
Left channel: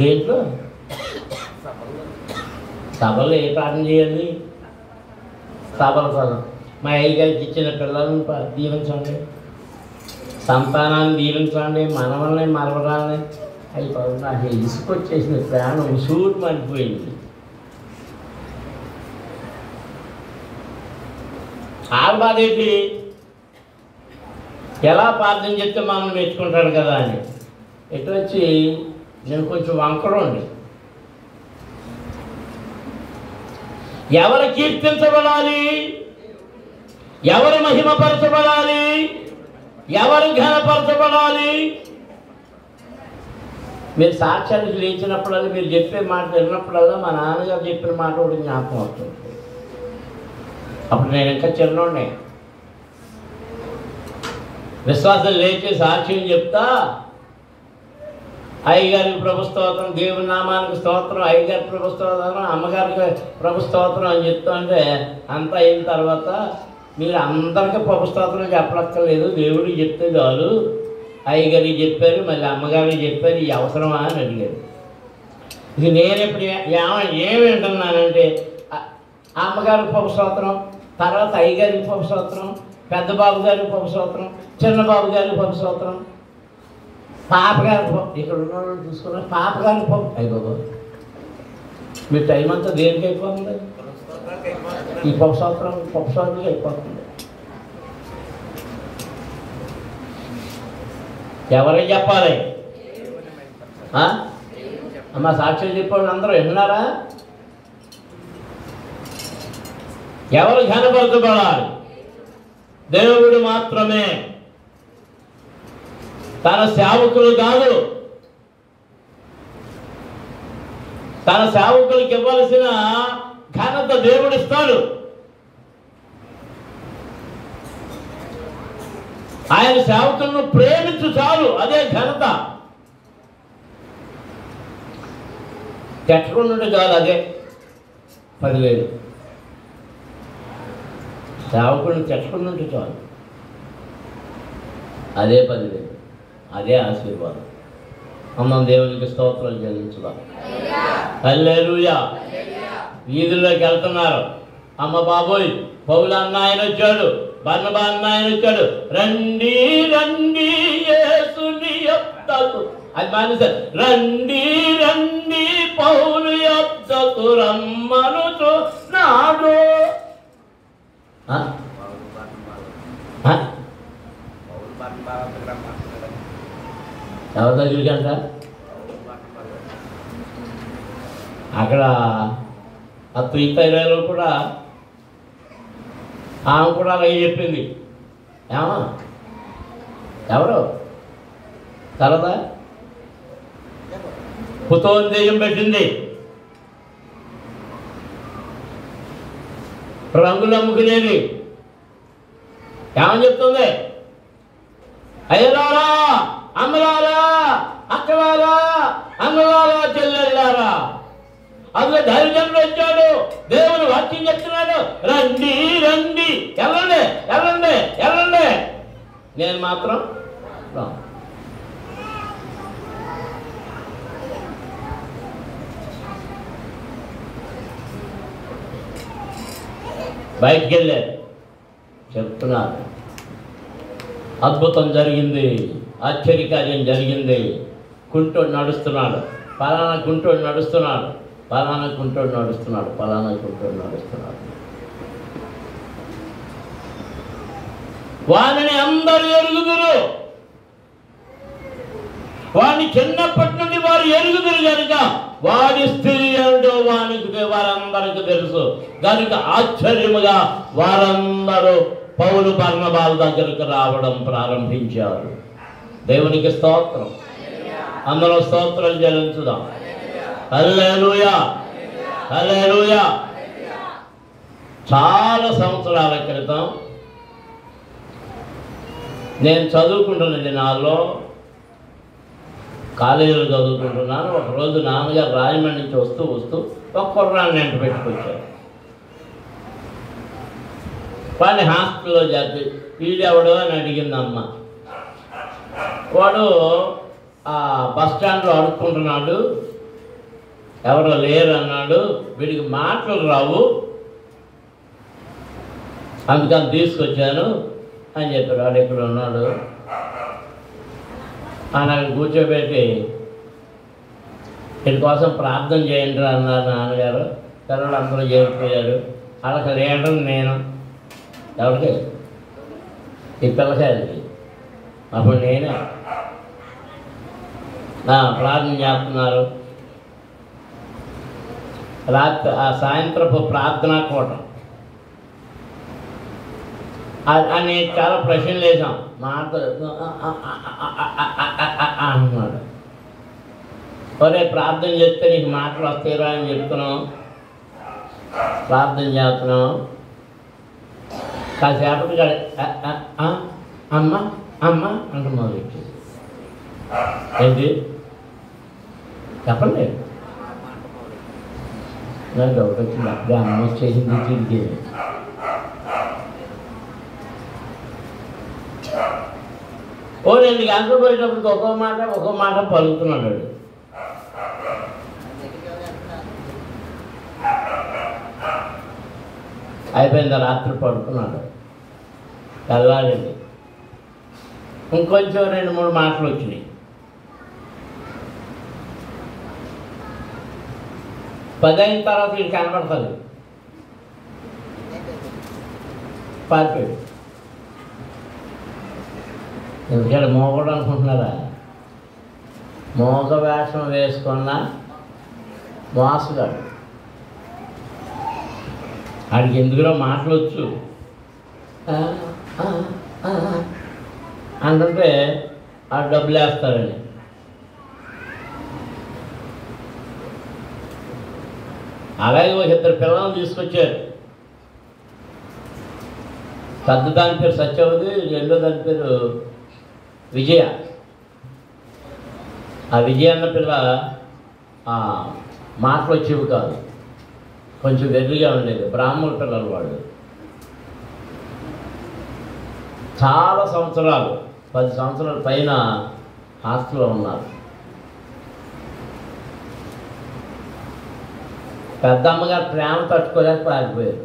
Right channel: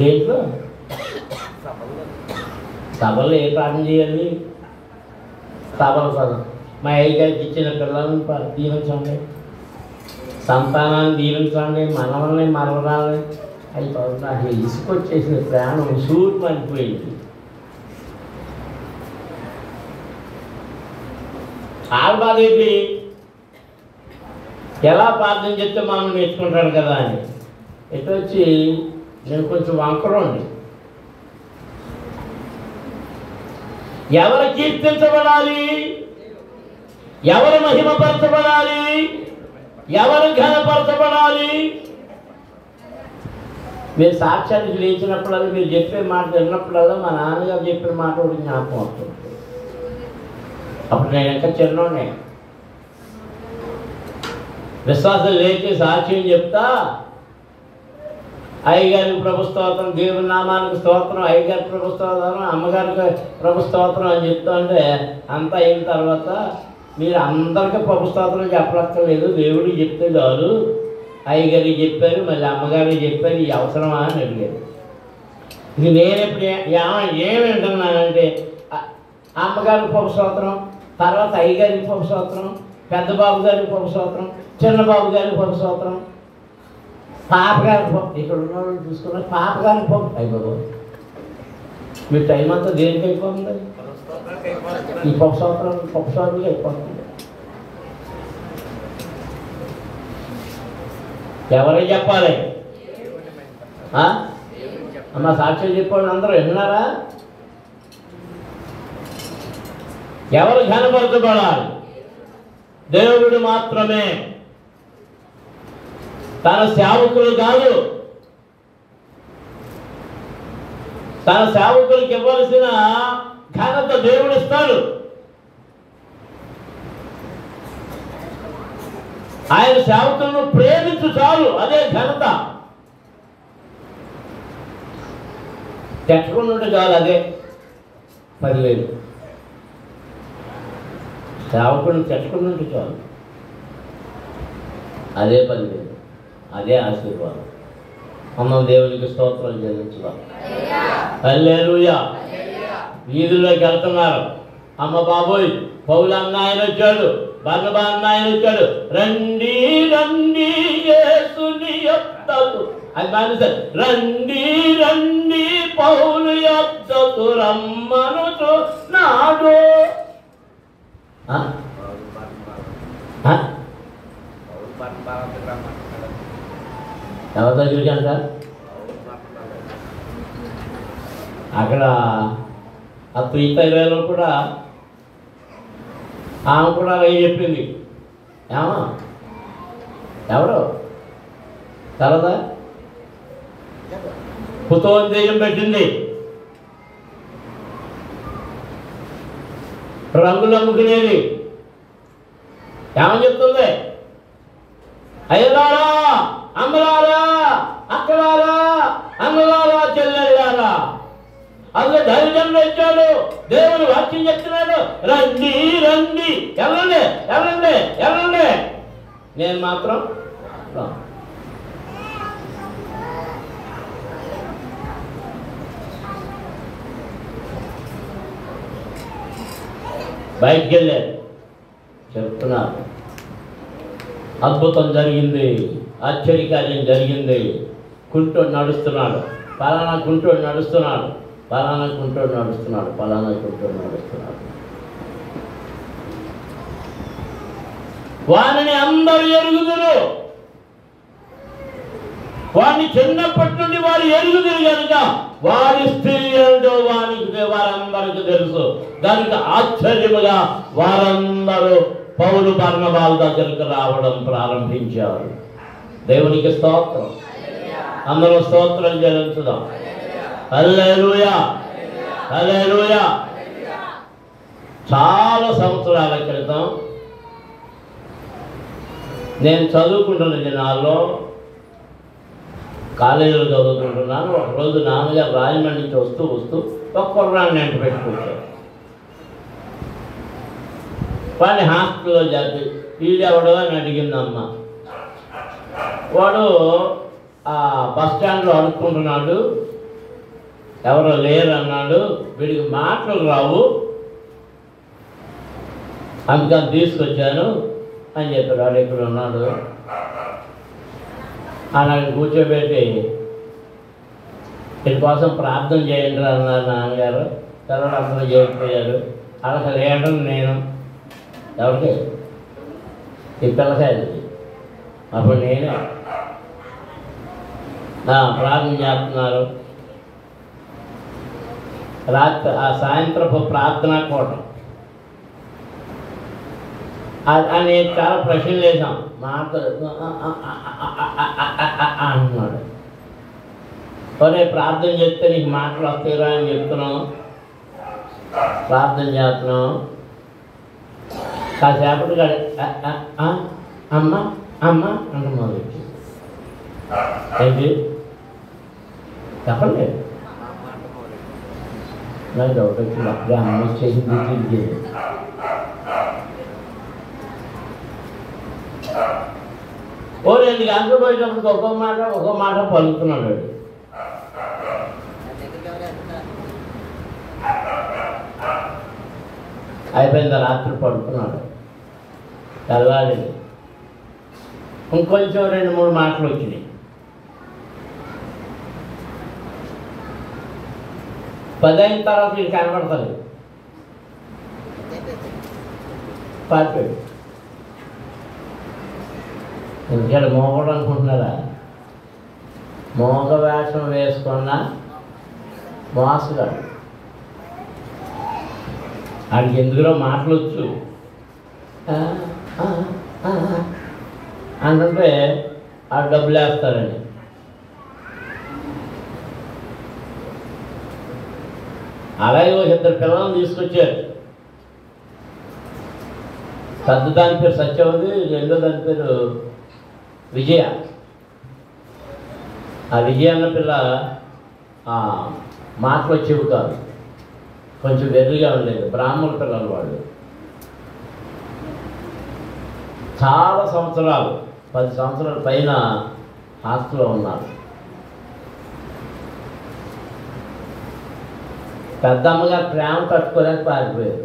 దేంట్లో? సభలో ఏ ప్రార్థన చేయాలి? సభలు మా అయ్య గారికి ఇచ్చిన పిల్లలను దీవించండి, సంతానాన్ని దీవించండి, మనవల్ని మరవరాలని. అయిపోయి నాకు ఇసుకొచ్చేసిన ప్రాణం సూట్ పడిపోయింది. బాధ ఏంటి? ఎలా ప్రార్థన చెప్తే మనం నేర్చుకుంటాడు కదా అని. ఎటు వచ్చి నేను కొంచెం వంకరండి. ఎవరు కీర్తించబడాలి, ఎవరు మహిమపరచబడాలి, ఎవరు ఘనపరచబడాలి? మీరు సాక్ష్యానికి లేచినప్పుడల్లా, మీరు చెప్పే మాట విన్నప్పుడల్లా మా నాన్నగారు చెప్పిన మాట కూడా జ్ఞాపకం వస్తుంది. అప్పుడు నేను ఇంకా చిన్నోడిని. విశ్వాసం లేచి సాక్ష్యం చెప్తా, అయ్యగారికి ప్రభు స్తోత్రం, దేవుని నామానికి స్తోత్రం, అయ్యగారికి ప్రభు స్తోత్రం, అమ్మగారికి ప్రభు స్తోత్రం అని చెప్తా అంటే అంతా అయిన తర్వాత మీరు అందరికీ ప్రభు స్తోత్రం చెప్పక్కర్లేదు, దేవుడికి చెప్తే చాలు. అయ్యగారికి చెప్పారు, మళ్ళీ అమ్మగారికి చెప్పారు, ఈ అవసరమా అని అడిగారు. ఇది నేనెప్పుడు ఏమి వింటున్నానంటే అమ్మగారికి ప్రభు స్తోత్రం, తర్వాత అయ్యగారికి ప్రభు స్తోత్రం, పెద్ద బాబు గారికి ప్రభు స్తోత్రం, చిన్న బాబు గారికి ప్రభు స్తోత్రం, పాపగారి ఇక్కడ ఉన్న చూసుకున్న పాపగారి అయిపోదు. మీ టైం అంతా దేనికి అయిపోతుంది? ఈ పక్షాలు అయిపోతుంది. ఎవరికి చెప్పాలి? మా సాక్ష్యం చెప్పాడు అందరూ విన్నారా? ఎవరు ఘనపరచబడాలి? దేవుడు మాత్రమే. తన సేవకులు కాదు. తన సేవకులకు ఇవ్వాల్సిన ఘనత దేవుడు ఇస్తాడు. ఆయన సేవకులను ప్రేమించు చాలు, అదే ఘనత. తెచ్చుకున్నట్టు కాదు, అదే 10,000. సేవకులను తెచ్చుకున్నట్టు చాలు, అదే 10,000. అదే ఆశీర్వాదం. మనం దేవునికి స్తోత్రం చెల్లించుదాం. హల్లెలూయా. వీధుల్లోకి వెళ్తున్నారు. అమ్మ బాబోయ్, పౌలు అన్న ఆయన వచ్చాడు, బర్నబా అన్న ఆయన వచ్చాడు. రండి రండి యేసుని యొద్దకు, అది మానేశారు. రండి రండి పౌలు యొద్దకు రమ్మనుచున్నాడు. ఎవరి దగ్గరికి అంట? అక్కడ ఆ త్రీతైలో కూడా ఆమె కూడా అలాగే చెప్పింది. ఏమో ఎవరు తర్వాత పుతోని దెయ్యం పెట్టింది. రంగులు అమ్ముకునేది. ఏమని చెప్తుంది? అయ్యలారా, అమ్మలారా, అక్కలారా, అన్నలారా, చెల్లెళ్ళారా, అందులో ధైర్యంలో వచ్చాడు. దేవుని వాక్యం చెప్తున్నాడు. రండి రండి, వెళ్ళండి వెళ్ళండి వెళ్ళండి. నేను మాత్రం బయటికి వెళ్ళారు. చెప్తున్నారు, అద్భుతం జరిగింది, ఆశ్చర్యకార్యం జరిగింది. కుంటోడు నడుస్తున్నాడు, పలానా కుంటోడు నడుస్తున్నాడు, పలానా కుంటోడు నడుస్తున్నాడు, పలానా కుంటోడు నడుస్తున్నాడు. వానిని అందరూ ఎరుగుదురు. వాడిని చిన్నప్పటి నుండి వారు ఎరుగుదురు కనుక వాడి స్త్రీ ఏంటో వారందరికీ తెలుసు కనుక ఆశ్చర్యముగా వారందరూ పౌలు బర్నబాల దగ్గరికి రావడం ప్రారంభించారు. దేవునికి స్తోత్రం. అందరూ స్తోత్రం చెల్లించుదాం. హల్లెలూయా, హల్లెలూయా. చాలా సంవత్సరాల క్రితం నేను చదువుకుంటున్న దినాల్లో కాలేజీలో చదువుకుంటున్నాను. ఒకరోజు నాన్నగారు రాజమండ్రి నుంచి వస్తూ ఒక కుర్రాన్ని వెంట పెట్టుకొచ్చారు. వాడిని హాస్టల్లో జరిపి వీడెవడో అని అడిగింది అమ్మ. వాడు ఆ బస్ స్టాండ్లో అడుక్కుంటున్నాడు, ఎవరో లేరు అన్నాడు. వీడికి మాటలు రావు, అందుకని తీసుకొచ్చాను అని చెప్పారు. వాడు ఎక్కడ ఉన్నాడు అని అక్కడ కూర్చోబెట్టి వీడి కోసం ప్రార్థన చేయండి అన్నారు నాన్నగారు. తర్వాత అందరూ చేరిపోయారు. వాళ్ళకి లేడని నేను ఎవరికి ఈ పిల్లకాయలు అప్పుడు నేనే ప్రార్థన చేస్తున్నారు. రాత్రి ఆ సాయంత్రపు ప్రార్థనా కూటం అని చాలా ప్రశ్నలు వేసాం. మాట అంటున్నాడు. ఒరే ప్రార్థన చేస్తే నీకు మాటలు వస్తాయిరా అని చెప్తున్నాం, ప్రార్థన చేస్తున్నాం. కాసేపటికి అమ్మ అమ్మ అంటు మొదలెట్టి ఏంటి చెప్పండి. నాకు డౌట్ వచ్చింది. అప్పుడే అమ్మ చేసింది తిరిగి ఓ 2 గంటలు పోయేటప్పుడు ఒక్కో మాట పలుకుతున్నాడు. అయిపోయింది. రాత్రి పడుకున్నాడు. తెల్లారింది. ఇంకొంచెం 2-3 మాటలు వచ్చినాయి. 10 అయిన తర్వాత ఇది కనపడుతుంది. పారిపోయాడు. ఎందుకంటే మోగడు అనుకుంటున్నారా? మోగ వేషం వేసుకున్న మోసగాడు. వాడికి ఎందుకులో మాటలొచ్చు అంటే ఆ డబ్బులు వేస్తారని. అలాగే ఒక 2 పిల్లలను తీసుకొచ్చారు. పెద్ద దాని పేరు సత్యవతి, రెండో దాని పేరు విజయ. ఆ విజయ అన్న పిల్ల మాటలు వచ్చేవి కాదు, కొంచెం వెర్రిగా ఉండేది. బ్రాహ్మణ పిల్లలు వాళ్ళు. చాలా సంవత్సరాలు 10 సంవత్సరాల పైన హాస్టల్లో ఉన్నారు. పెద్దమ్మగారు ప్రేమ తట్టుకోలేక పారిపోయారు.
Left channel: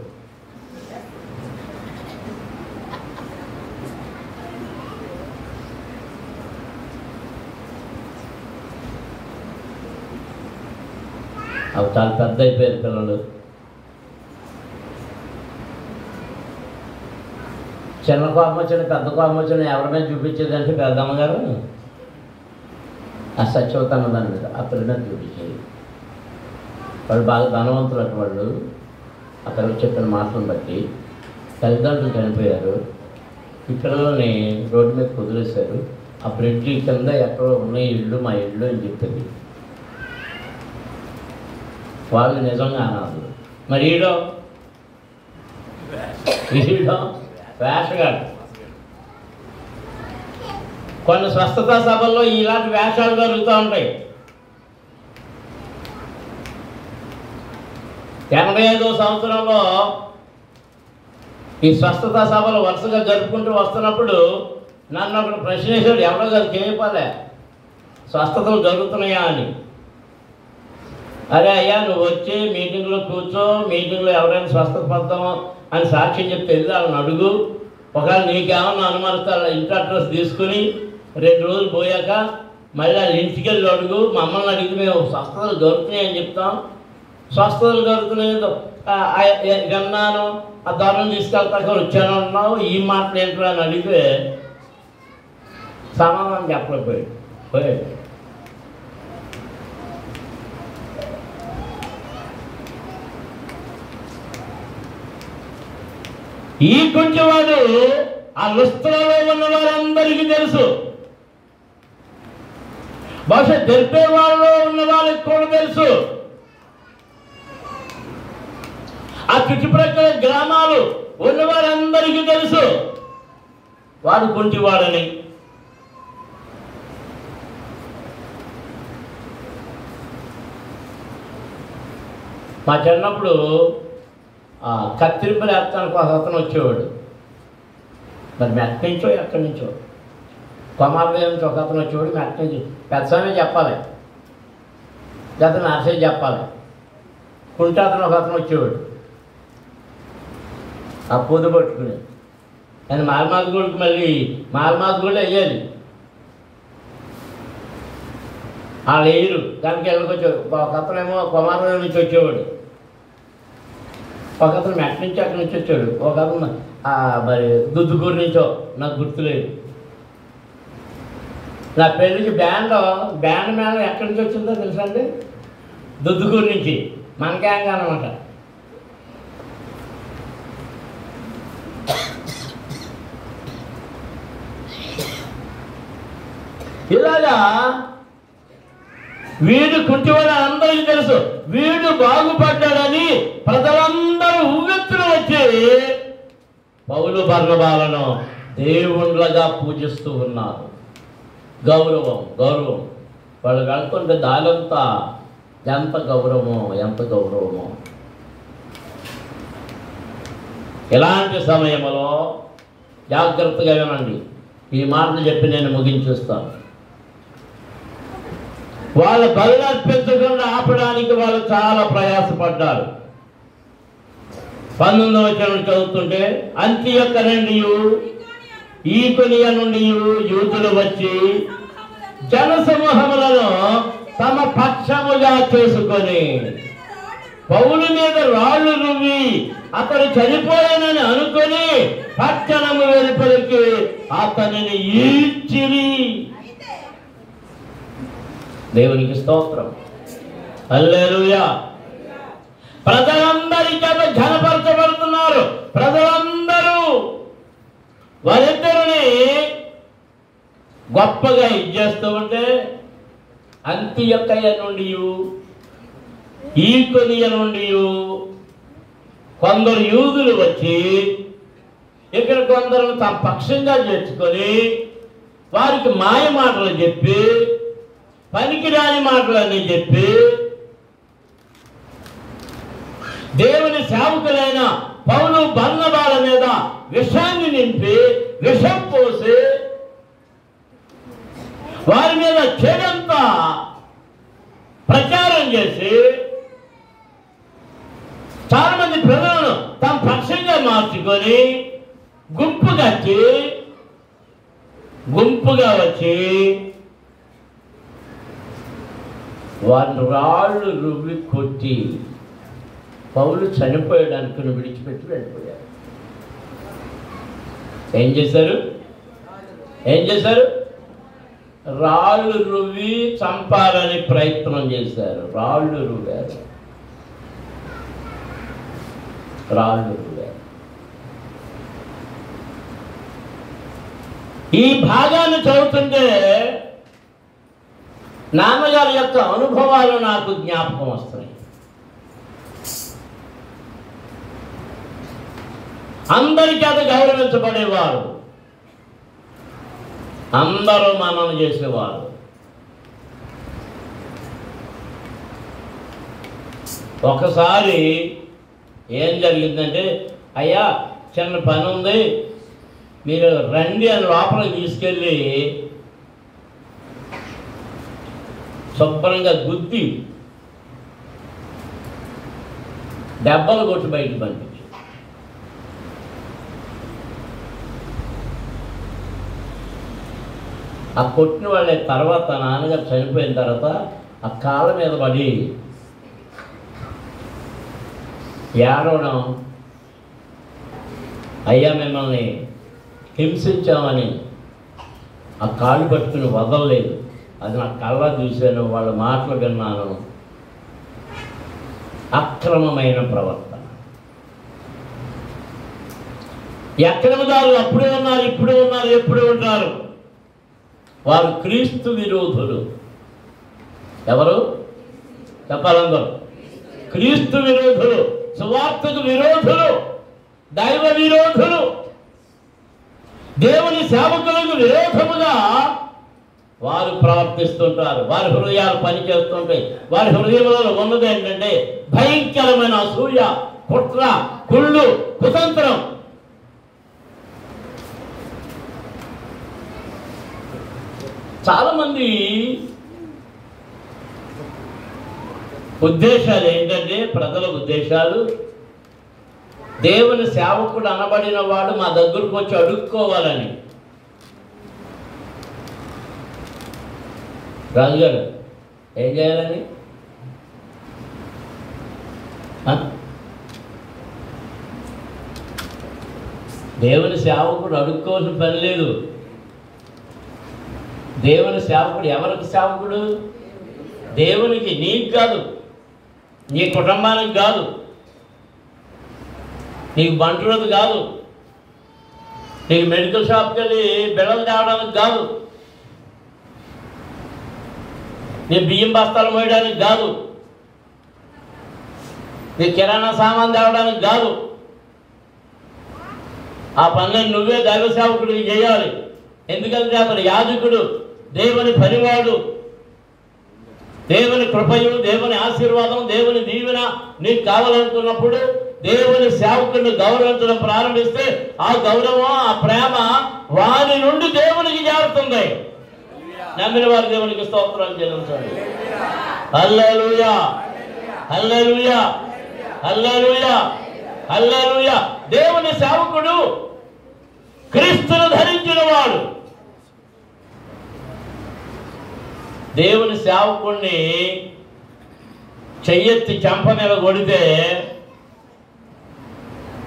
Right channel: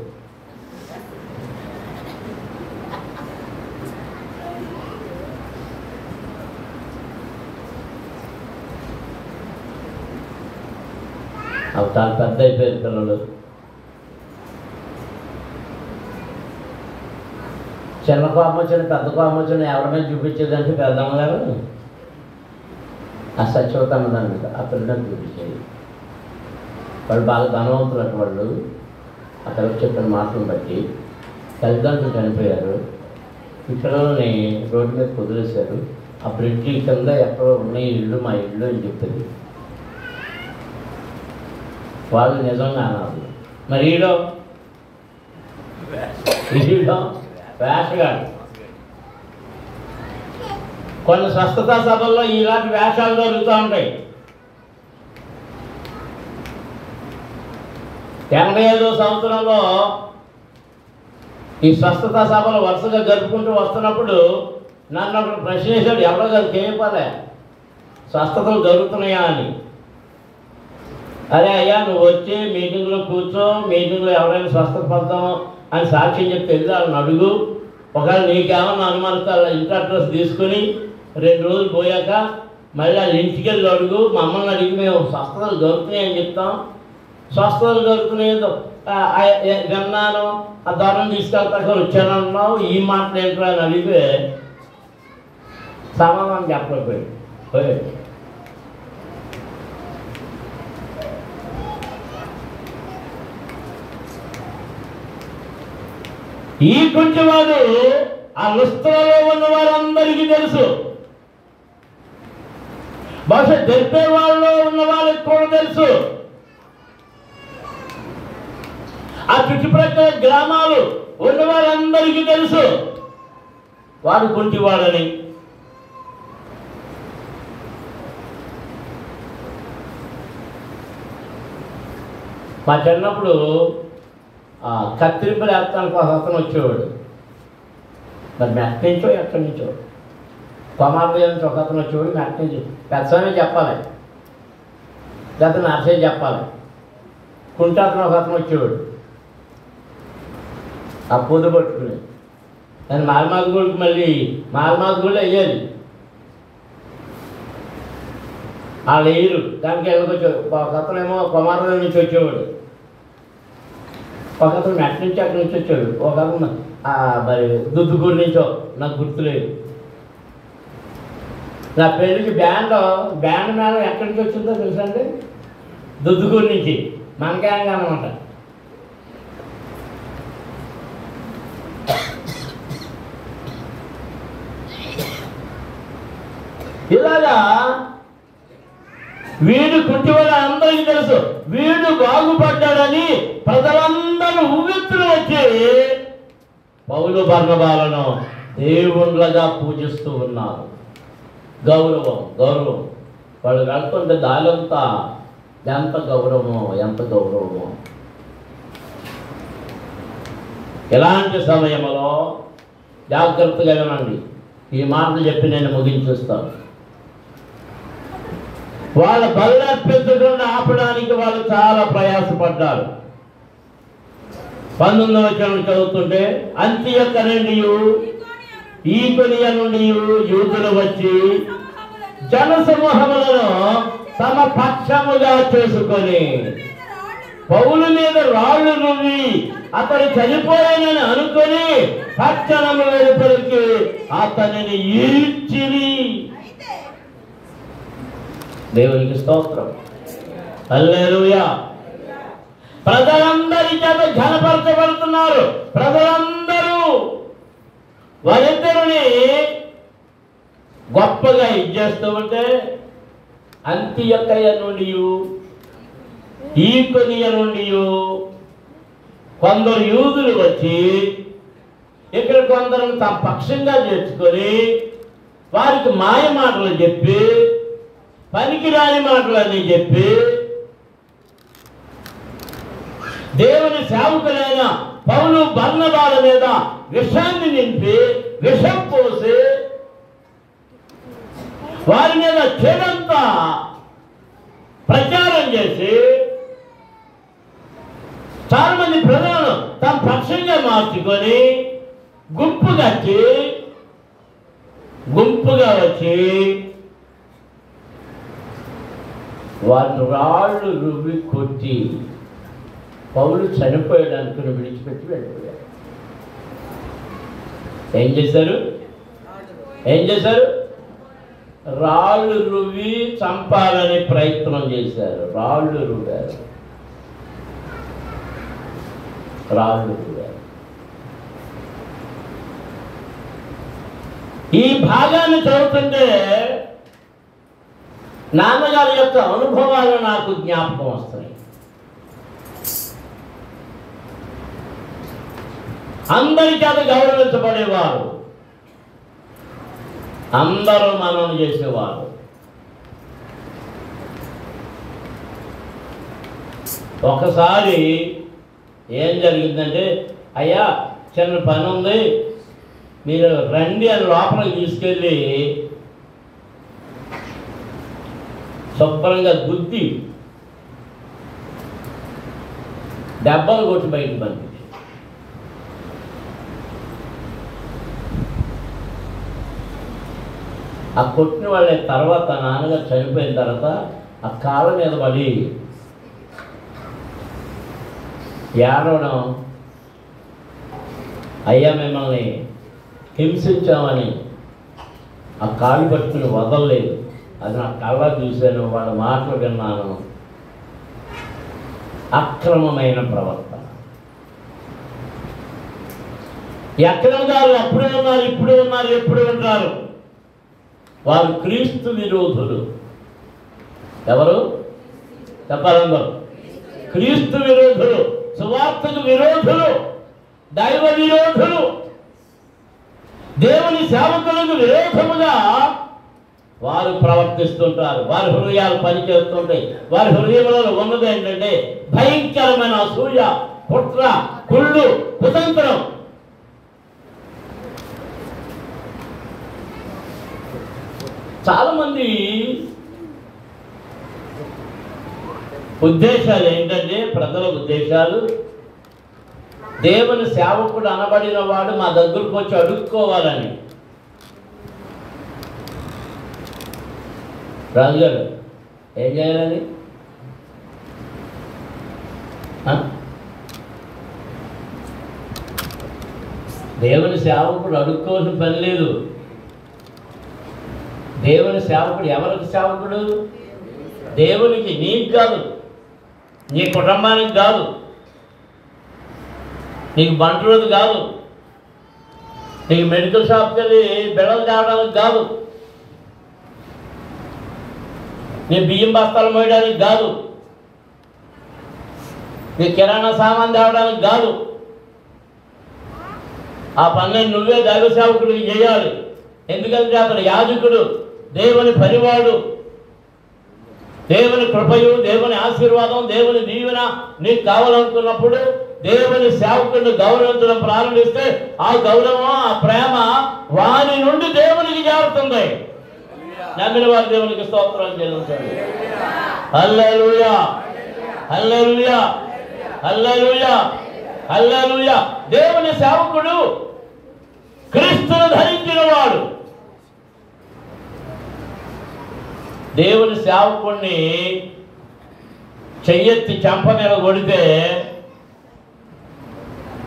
అవి చాలా పెద్ద అయిపోయారు పిల్లలు. చిన్న కోపం వచ్చిన పెద్ద కోపం వచ్చిన ఎవరి చూపించేదంటే పెద్దమ్మగారు ఆ సత్యవతన్న దాని మీద ఆ పిల్లలని చూపించేది. వాళ్ళు బాగా ధనవంతులు అటు వాళ్ళు. ఆ పిల్లలు చెప్పిన మాటలను బట్టి తల్లిదండ్రులు చనిపోయారు. ఈ పిల్లల్ని రోడ్డు మీద కుదిరేశారు. ఆ బ్రిడ్జి కింద ఎక్కడో ఉన్నాయి ఇల్లు, మా ఇల్లు అని చెప్పేది. వాళ్ళు నిజంగా అన్నారు. మరి ఈడో వేషగాడు. కొన్ని స్వస్థతా సభల్లో ఇలాంటి వేషాలు జరుగుతూ ఉంటాయి. 85వ సంవత్సరంలో ఈ స్వస్థతా సభలు వరుసగా జరుపుకుంటూ వస్తున్నప్పుడు నన్ను ఒకటి ప్రశ్న వేశాడు. ఎవరో కాదు చేయపాలే, స్వస్థతలు జరుగుతున్నాయా అని. అరే అయ్యా, నువ్వు వచ్చి మీటింగ్లో కూర్చో, మీటింగ్లో ఎవరైనా స్వస్థత పొందాం అని సాక్ష్యం చెప్తే వెళ్ళి వాళ్ళని అడుగు. ఒకవేళ నీకేమన్నా అనుమానిస్తే వాళ్ళ ఇంటి అడ్రస్ తీసుకుని 2 రోజులు పోయాక మళ్ళీ వాళ్ళ ఇంటికి వెళ్ళి అడుగు. మమ్మల్ని అడిగి మేము స్వస్థతలు దొరుకుతున్నాయని చెప్తాం. స్వస్థతలు కలుగుతున్నాయి, గన్నాను ఆ ధరలు తీసుకెళ్తాక వచ్చానన్నావు, ఈ మాటలు ఏంటో అని అడిగితే సమాధానం చెప్పలేకపోయాడు. ఈ కొంచెంవాడు ఆ లుస్త్రలో ఉన్న వారందరికీ తెలుసు, బహుశా దెర్బే వాళ్ళలో ఉన్న వాళ్ళకి కూడా తెలుసు, ఆ చుట్టుప్రక్కల గ్రామాలు ఉన్న వారందరికీ తెలుసు వాడు కుంటివాడని. మా చిన్నప్పుడు కత్తిరింపులు వేస్తానికి ఒక అతను వచ్చేవాడు, మరి మెట్ నుంచో ఎక్కడి నుంచో కొమార్ల నుంచి ఒక అతను వచ్చేవాడు, మెట్ నుంచి పెద్దమే చెప్పాలి, లేకపోతే నర్సే చెప్పాలి, కుంటాతను ఒక అతను వచ్చేవాడు ఆ పొద్దు పట్టుకుని. ఆయన మాల్మాదిగూడికి మళ్ళీ మాల్మాదిగూడలో వేయాలి, వాళ్ళు వేయరు, దానికి వెళ్ళకొచ్చేవాడు. ఒక అతనేమో కొమార్ల నుంచి వచ్చేవాడు, ఒక అతను మెట్ నుంచి అక్కడి నుంచి వచ్చాడు, ఒక అతను మరి దుద్దుగూరు నుంచో, నాకు గుర్తులేదు. నా పెళ్ళికి బ్యాండ్ మేళం ఎక్కడి నుంచి వచ్చిందో తెలుసా అండి? దుద్దుగూరు నుంచి, మన గ్యాంగ్ అన్నమాట. ఇలాగా వీడు కుంటివాడు అందరికీ తెలుసు, వీడు బాగుపడ్డాడని ప్రజలందరూ ఉవ్వెత్తులు వచ్చి పౌలు బర్నబాలను దేవుళ్ళగా పూజిస్తూ ఉన్నారు. గౌరవం వాళ్ళు వెళ్తుంటే దాలంతా ఎంత గౌరవమో. ఇలాంటి సమయంలో జాగ్రత్తగా వినండి, ఈ మాటలు చెప్పి నేను ముగించేస్తాను. వాళ్ళ బలి అర్పించకుండా ఆపడానికి వాళ్ళు చాలా ప్రయాసపడ్డారు. 19వ వచనం చదువుతుంటే, అంతియొక్క నుండి ఈకొనియ నుండి యూదులు వచ్చి జనసమూహములను తమ పక్షముగా చేసుకొని పౌలు మీద రాళ్ళు రువ్వి అతను చనిపోయానని అనుకొని పట్టణము వెలుపలికి అతనిని ఈడ్చిరి. దేవునికి స్తోత్రం, హల్లెలూయా. ప్రజలందరి చేత ఘనపరచబడుతున్నారు. ప్రజలందరూ వారిద్దరిని గొప్పగా ఇచ్చేస్తూ ఉంటే, అంతియొక్కయ్య నుండి ఈకొనియ నుండి కొందరు యూదులు వచ్చి ఇక్కడ కొందరు తమ పక్షంగా చేర్చుకొని వారికి మాయ మాటలు చెప్పి, పనికిరాని మాటలని చెప్పి, దేవుని సేవకులైన పౌలు బర్నబాల మీద విషాన్ని నింపి విషం పోసి వారి మీద చెడంతా ప్రచారం చేసి చాలా మంది ప్రజలను తమ పక్షంగా మార్చుకొని గుంపుగా వచ్చి వారిని రాళ్ళు రువ్వి కొట్టి పౌలు చనిపోయడానికి విడిచిపెట్టి వెళ్ళిపోయారు. ఏం చేశారు? రాళ్ళు రువ్వి చంపాలని ప్రయత్నం చేశారు. రాళ్ళు రువ్వారు. ఈ భాగాన్ని చదువుతుంటే నాన్నగారి యొక్క అనుభవాలు నాకు జ్ఞాపకం వస్తాయి. అందరి చేత గౌరవించబడేవారు, అందరూ మనం చేసేవారు. ఒకసారి ఏం జరిగిందంటే, అయ్యా చిన్న పని ఉంది, మీరు రండి అని లోపలికి తీసుకెళ్ళి శుభ్రంగా గుద్ది డబ్బాలు కొట్టి బయటకు పంపించి, ఆ కొట్టిన వాళ్ళ తర్వాత నాన్నగారు చనిపోయిన తర్వాత ఆ కాళ్ళ మీద పడి ఏడవడం, అయ్యా మిమ్మల్ని హింసించామని ఆ కాలు పట్టుకుని వదలలేదు, అది నా కళ్ళ చూశాను, వాళ్ళ మాటలు విన్నాను. అక్రమమైన ప్రవర్తన. అక్రమదారులు అప్పుడే ఉన్నారు, ఇప్పుడే ఉన్నారు, ఎప్పుడూ ఉంటారు. వారు క్రీస్తు విరోధులు. ఎవరు చెప్పాలందరూ? క్రీస్తు విరోధులు, సువార్తకు విరోధులు, దైవ విరోధులు, దేవుని సేవకులకు విరోధముగా వారు ప్రవర్తిస్తుంటారు. వారి హృదయాలు పనిచేస్తుంటాయి. వారి హృదయంలో ఉన్నది ఏంటంటే భయంకరమైన అసూయ, కుట్ర, కుళ్ళు, కుతంత్రం. చాలా మంది ఉద్దేశాలు ఏంటంటే, ప్రజల ఉద్దేశాలు, దేవుని సేవకుడు అనబడిన వాడు మా దగ్గరకు వచ్చి అడుక్కోవాలని. రాజుగారు ఏం చేయాలని? దేవుని సేవకుడు అడుక్కోవాల్సిన పని లేదు. దేవుని సేవకుడు ఎవరికి సేవకుడు? దేవునికి. నీకు కాదు, నీ కుటుంబానికి కాదు, నీకు బంటి రోజు కాదు, నీకు మెడికల్ షాప్కి వెళ్ళి బిళ్ళలు తేవడానికి కాదు, నీ బియ్యం బస్తాలు మోయడానికి కాదు, నీ కిరాణా సామాన్ తేవడానికి కాదు. ఆ పనులను నువ్వే దైవ సేవకుడికి చేయాలి. ఎందుకంటే అతను యాజకుడు, దేవుని పనివాడు. దేవుని కృపయు, దేవుని ఆశీర్వాదం, దేవుని దీవెన నీకు కావాలనుకున్నప్పుడు దేవుని సేవకుడిని గౌరవించడం ప్రారంభిస్తే ఆ గౌరవం, ఆ ప్రేమ వారి నుండి దేవునికి చేరుతుంది. నమ్మిన వారి దేవునికి స్తోత్రాలు చెల్లించండి. హల్లెలూయా, హల్లెలూయా, హల్లెలూయా, హల్లెలూయా. దేవుని సేవకుడు క్రీస్తును ధరించిన వాడు. దేవుని సేవకుడిని చెయ్యెత్తి చెంప మీద కొడితే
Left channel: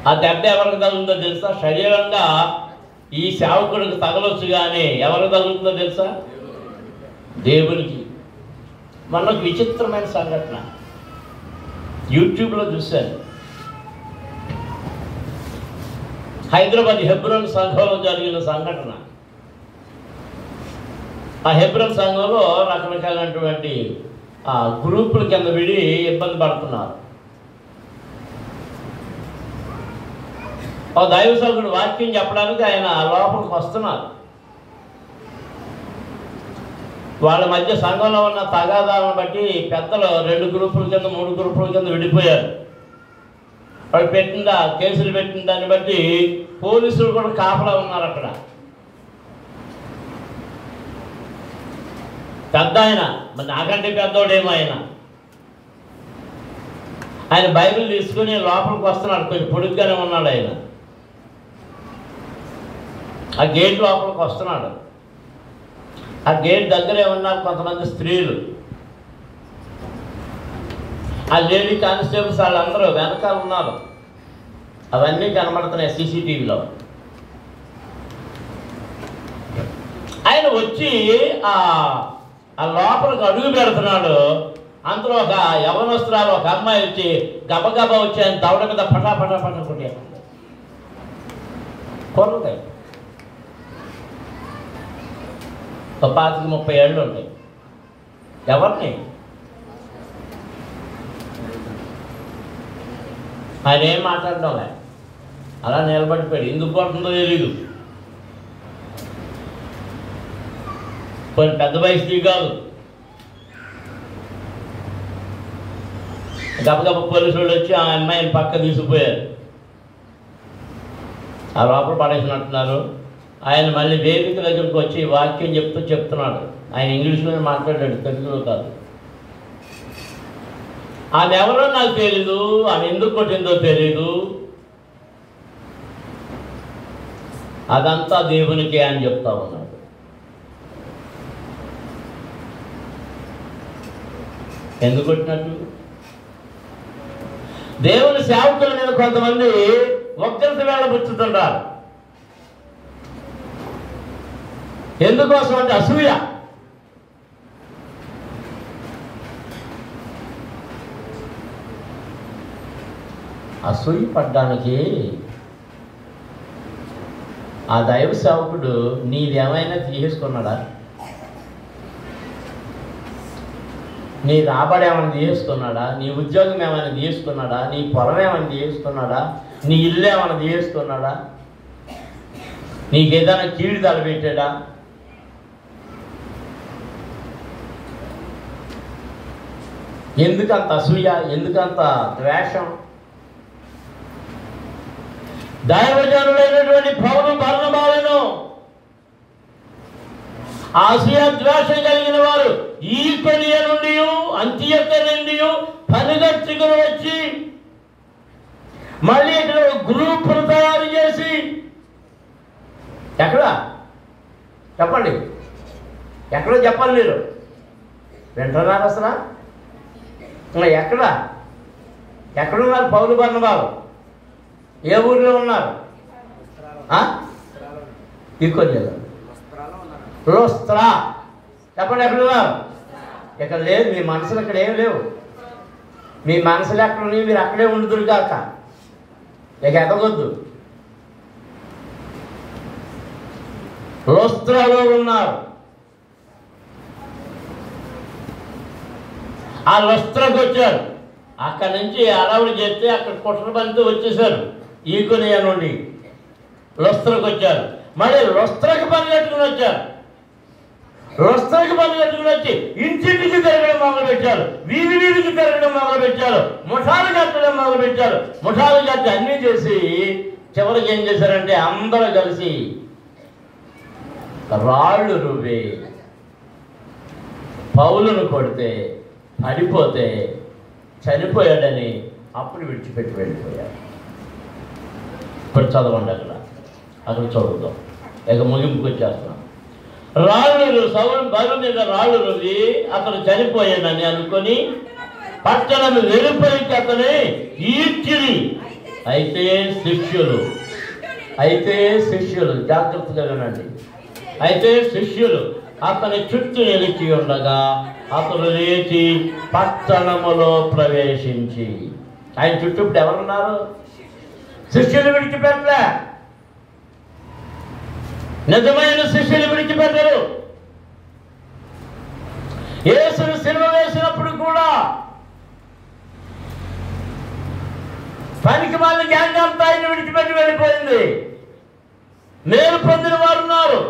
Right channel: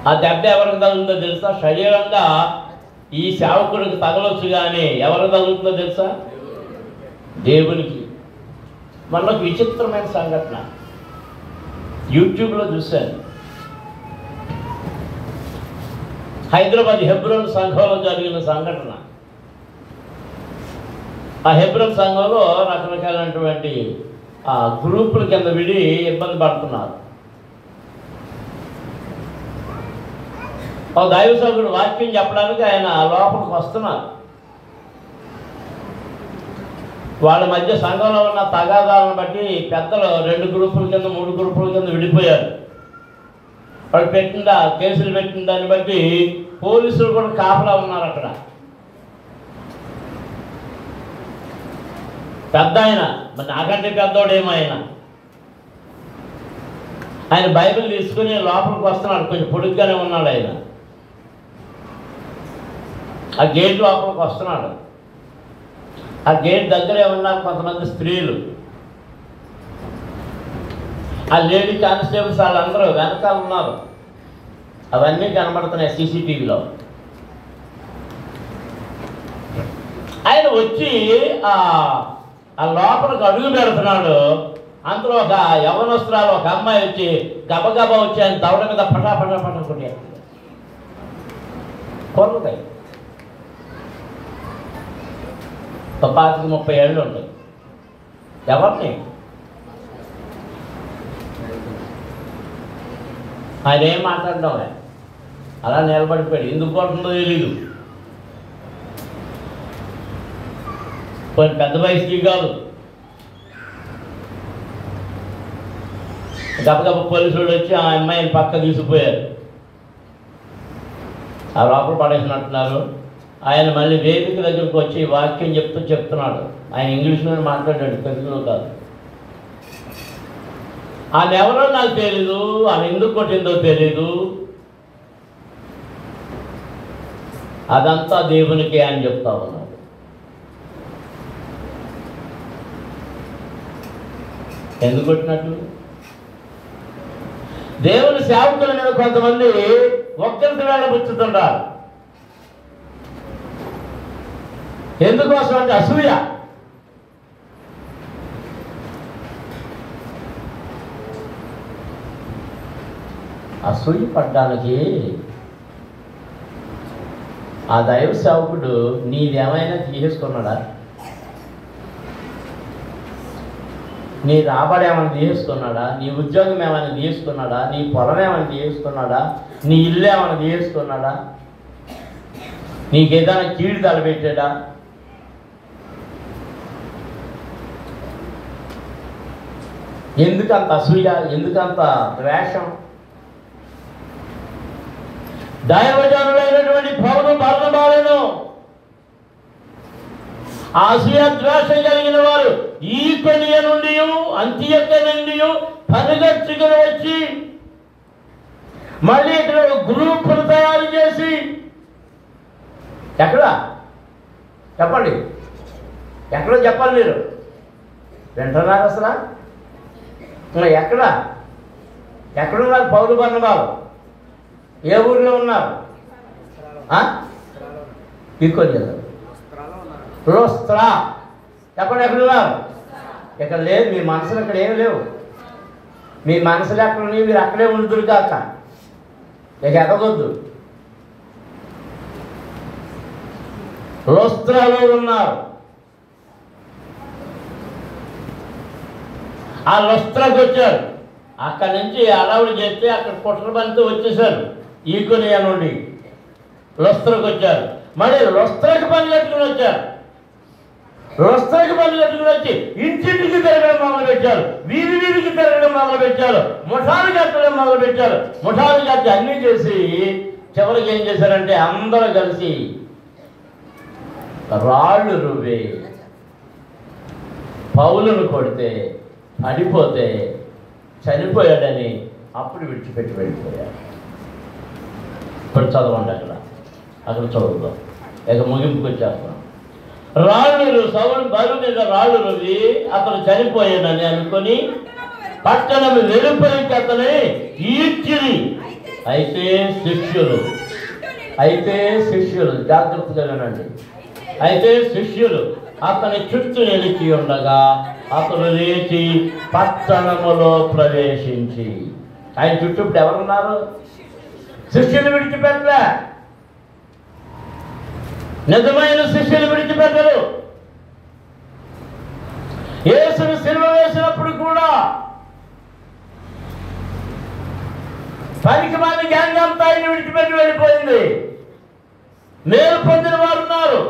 ఆ దెబ్బ ఎవరికి తగులుతుందో తెలుసా? శరీరంగా ఈ సేవకుడికి తగలొచ్చు, కానీ ఎవరికి తగులుతుందో తెలుసా? దేవునికి. మనకు విచిత్రమైన సంఘటన యూట్యూబ్లో చూశాను. హైదరాబాద్ హెబ్రోన్ సంఘంలో జరిగిన సంఘటన. ఆ హెబ్రోన్ సంఘంలో రకరకాలైనటువంటి గ్రూపుల కింద విడి ఇబ్బంది పడుతున్నారు. ఒక దైవ సేవకుడు వాక్యం చెప్పడానికి ఆయన లోపలికి వస్తున్నారు. వాళ్ళ మధ్య సంఘంలో ఉన్న తగాదాలను బట్టి పెద్దలు 2 గ్రూపుల కింద 3 గ్రూపుల కింద విడిపోయారు. వాళ్ళు పెట్టిన కేసులు పెట్టిన దాన్ని బట్టి పోలీసులు కూడా కాపలా ఉన్నారు అక్కడ. పెద్ద ఆయన, నాకంటే పెద్దోడేమో ఆయన బైబిల్ తీసుకుని లోపలికి వస్తున్నాడు. కొంచెం పొడుగ్గానే ఉన్నాడు ఆయన. ఆ గేట్ లోపలికి వస్తున్నాడు. ఆ గేట్ దగ్గరే ఉన్నారు కొంతమంది స్త్రీలు. ఆ లేడీ కానిస్టేబుల్స్ వాళ్ళందరూ వెనకాల ఉన్నారు. అవన్నీ కనబడుతున్నాయి సీసీటీవీలో. ఆయన వచ్చి ఆ లోపలికి అడుగు పెడుతున్నాడు. అందులో ఒక యవనస్తురాలు, ఒక అమ్మాయి వచ్చి గబగబా వచ్చి ఆయన దవడ మీద పటా పటా పటా కొట్టేస్తుంది. కొడుతాయి 25-30 ఏళ్ళు ఉంటాయి. ఎవరిని? ఆయన ఏం మాట్లాడడం, అలా నిలబడిపోయాడు. ఎందుకు పడుతుందో తెలీదు. కొన్ని పెద్ద వయసు కాదు. గబగబ పోలీసులు వచ్చి ఆ అమ్మాయిని పక్క తీసుకుపోయారు. ఆ లోపల పడేసినట్టున్నారు. ఆయన మళ్ళీ వేదిక దగ్గరికి వచ్చి వాక్యం చెప్తున్నాడు. ఆయన ఇంగ్లీష్లోనే మాట్లాడాడు, తెలుగులో కాదు. ఆమె ఎవరో నాకు తెలీదు, ఆమె ఎందుకు కొట్టిందో తెలీదు, అదంతా దేవునికే అని చెప్తా ఉన్నాడు. ఎందుకు కొట్టినట్టు? దేవుని సేవకుల మీద కొంతమంది ఒక్కరిని వెళ్ళబుచ్చుతుంటారు. ఎందుకోసం అంటే అసూయ. అసూయ పడ్డానికి ఆ దైవ సేవకుడు నీదేమైనా తీసేసుకున్నాడా? నీ రాబడి ఏమైనా తీసేసుకున్నాడా? నీ ఉద్యోగం ఏమైనా తీసేసుకున్నాడా? నీ పొలం ఏమైనా తీసేసుకున్నాడా? నీ ఇల్లు ఏమైనా తీసేసుకున్నాడా? నీకేదైనా కీడు తలపెట్టాడా? ఎందుకంత అసూయ? ఎందుకంత ద్వేషం? దైవజనులైనటువంటి పౌలు బర్నబాలను అసూయ ద్వేషం కలిగిన వారు ఈకొనియ నుండి అంత్యొక్క నుండి పనిగట్టుకుని వచ్చి మళ్ళీ ఇక్కడ గ్రూపులు తయారు చేసి, ఎక్కడ చెప్పండి, ఎక్కడో చెప్పాలి మీరు, వింటున్నారా అసలు? ఎక్కడున్నారు పౌలు బర్నబాలు? ఏ ఊర్లో ఉన్నారు? ఈకొనియలో. లుస్త్రా చెప్పండి, ఎక్కడున్నారు? ఇక్కడ లేదు. మీ మనసులు అక్కడ ఏం లేవు. మీ మనసులు ఎక్కడ ఉన్నాయి? మీరు అక్కడే ఉండుదురు కాక, ఇక ఎక్కగొద్దు. లుస్త్రాలో ఉన్నారు. ఆ లుస్త్రాకు వచ్చారు. అక్కడి నుంచి అలవాటు చేస్తే అక్కడ కుట్రబంతో వచ్చేసారు. ఈకొనియ నుండి లుస్త్రాకు వచ్చారు. మళ్ళీ లుస్త్రాకి పని కట్టుకుని వచ్చారు. లుస్త్రాకి పని కట్టుకుని వచ్చి ఇంటింటికి తిరగడం మొదలు పెట్టారు. వీధికి తిరగడం మొదలు పెట్టారు. ముఠాలు కట్టడం మొదలు పెట్టారు. ముఠాలు కట్టి అన్నీ చేసి చివరికి ఏం చేశారంటే అందరూ కలిసి రాళ్ళు రువ్వి పౌలును కొడితే పడిపోతే చనిపోయాడని అప్పుడు విడిచిపెట్టి వెళ్ళిపోయారు. ఇప్పుడు చదవండి, అక్కడ చదువుతాం. ఇక ముగింపుకి వచ్చేస్తాం. రాళ్ళు సౌలు బరువు మీద రాళ్ళు రువ్వి అతను చనిపోయాడని అనుకొని పట్టణం వెలుపలికి అతని ఈడ్చిరి. అయితే శిష్యులు జాగ్రత్తగా వినండి. అయితే శిష్యులు అతని చుట్టూ నిలిచి ఉండగా అతను లేచి పట్టణములో ప్రవేశించి, ఆయన చుట్టూ ఇప్పుడు ఎవరున్నారు? శిష్యులు విడిచిపెట్టలే. నిజమైన శిష్యులు విడిచిపెట్టరు. యేసును సిలువ వేసినప్పుడు కూడా పనికి మళ్ళీ గ్యాంగ్ అంతా ఆయన విడిచిపెట్టి వెళ్ళిపోయింది. మేలు పొందిన వారు ఉన్నారు.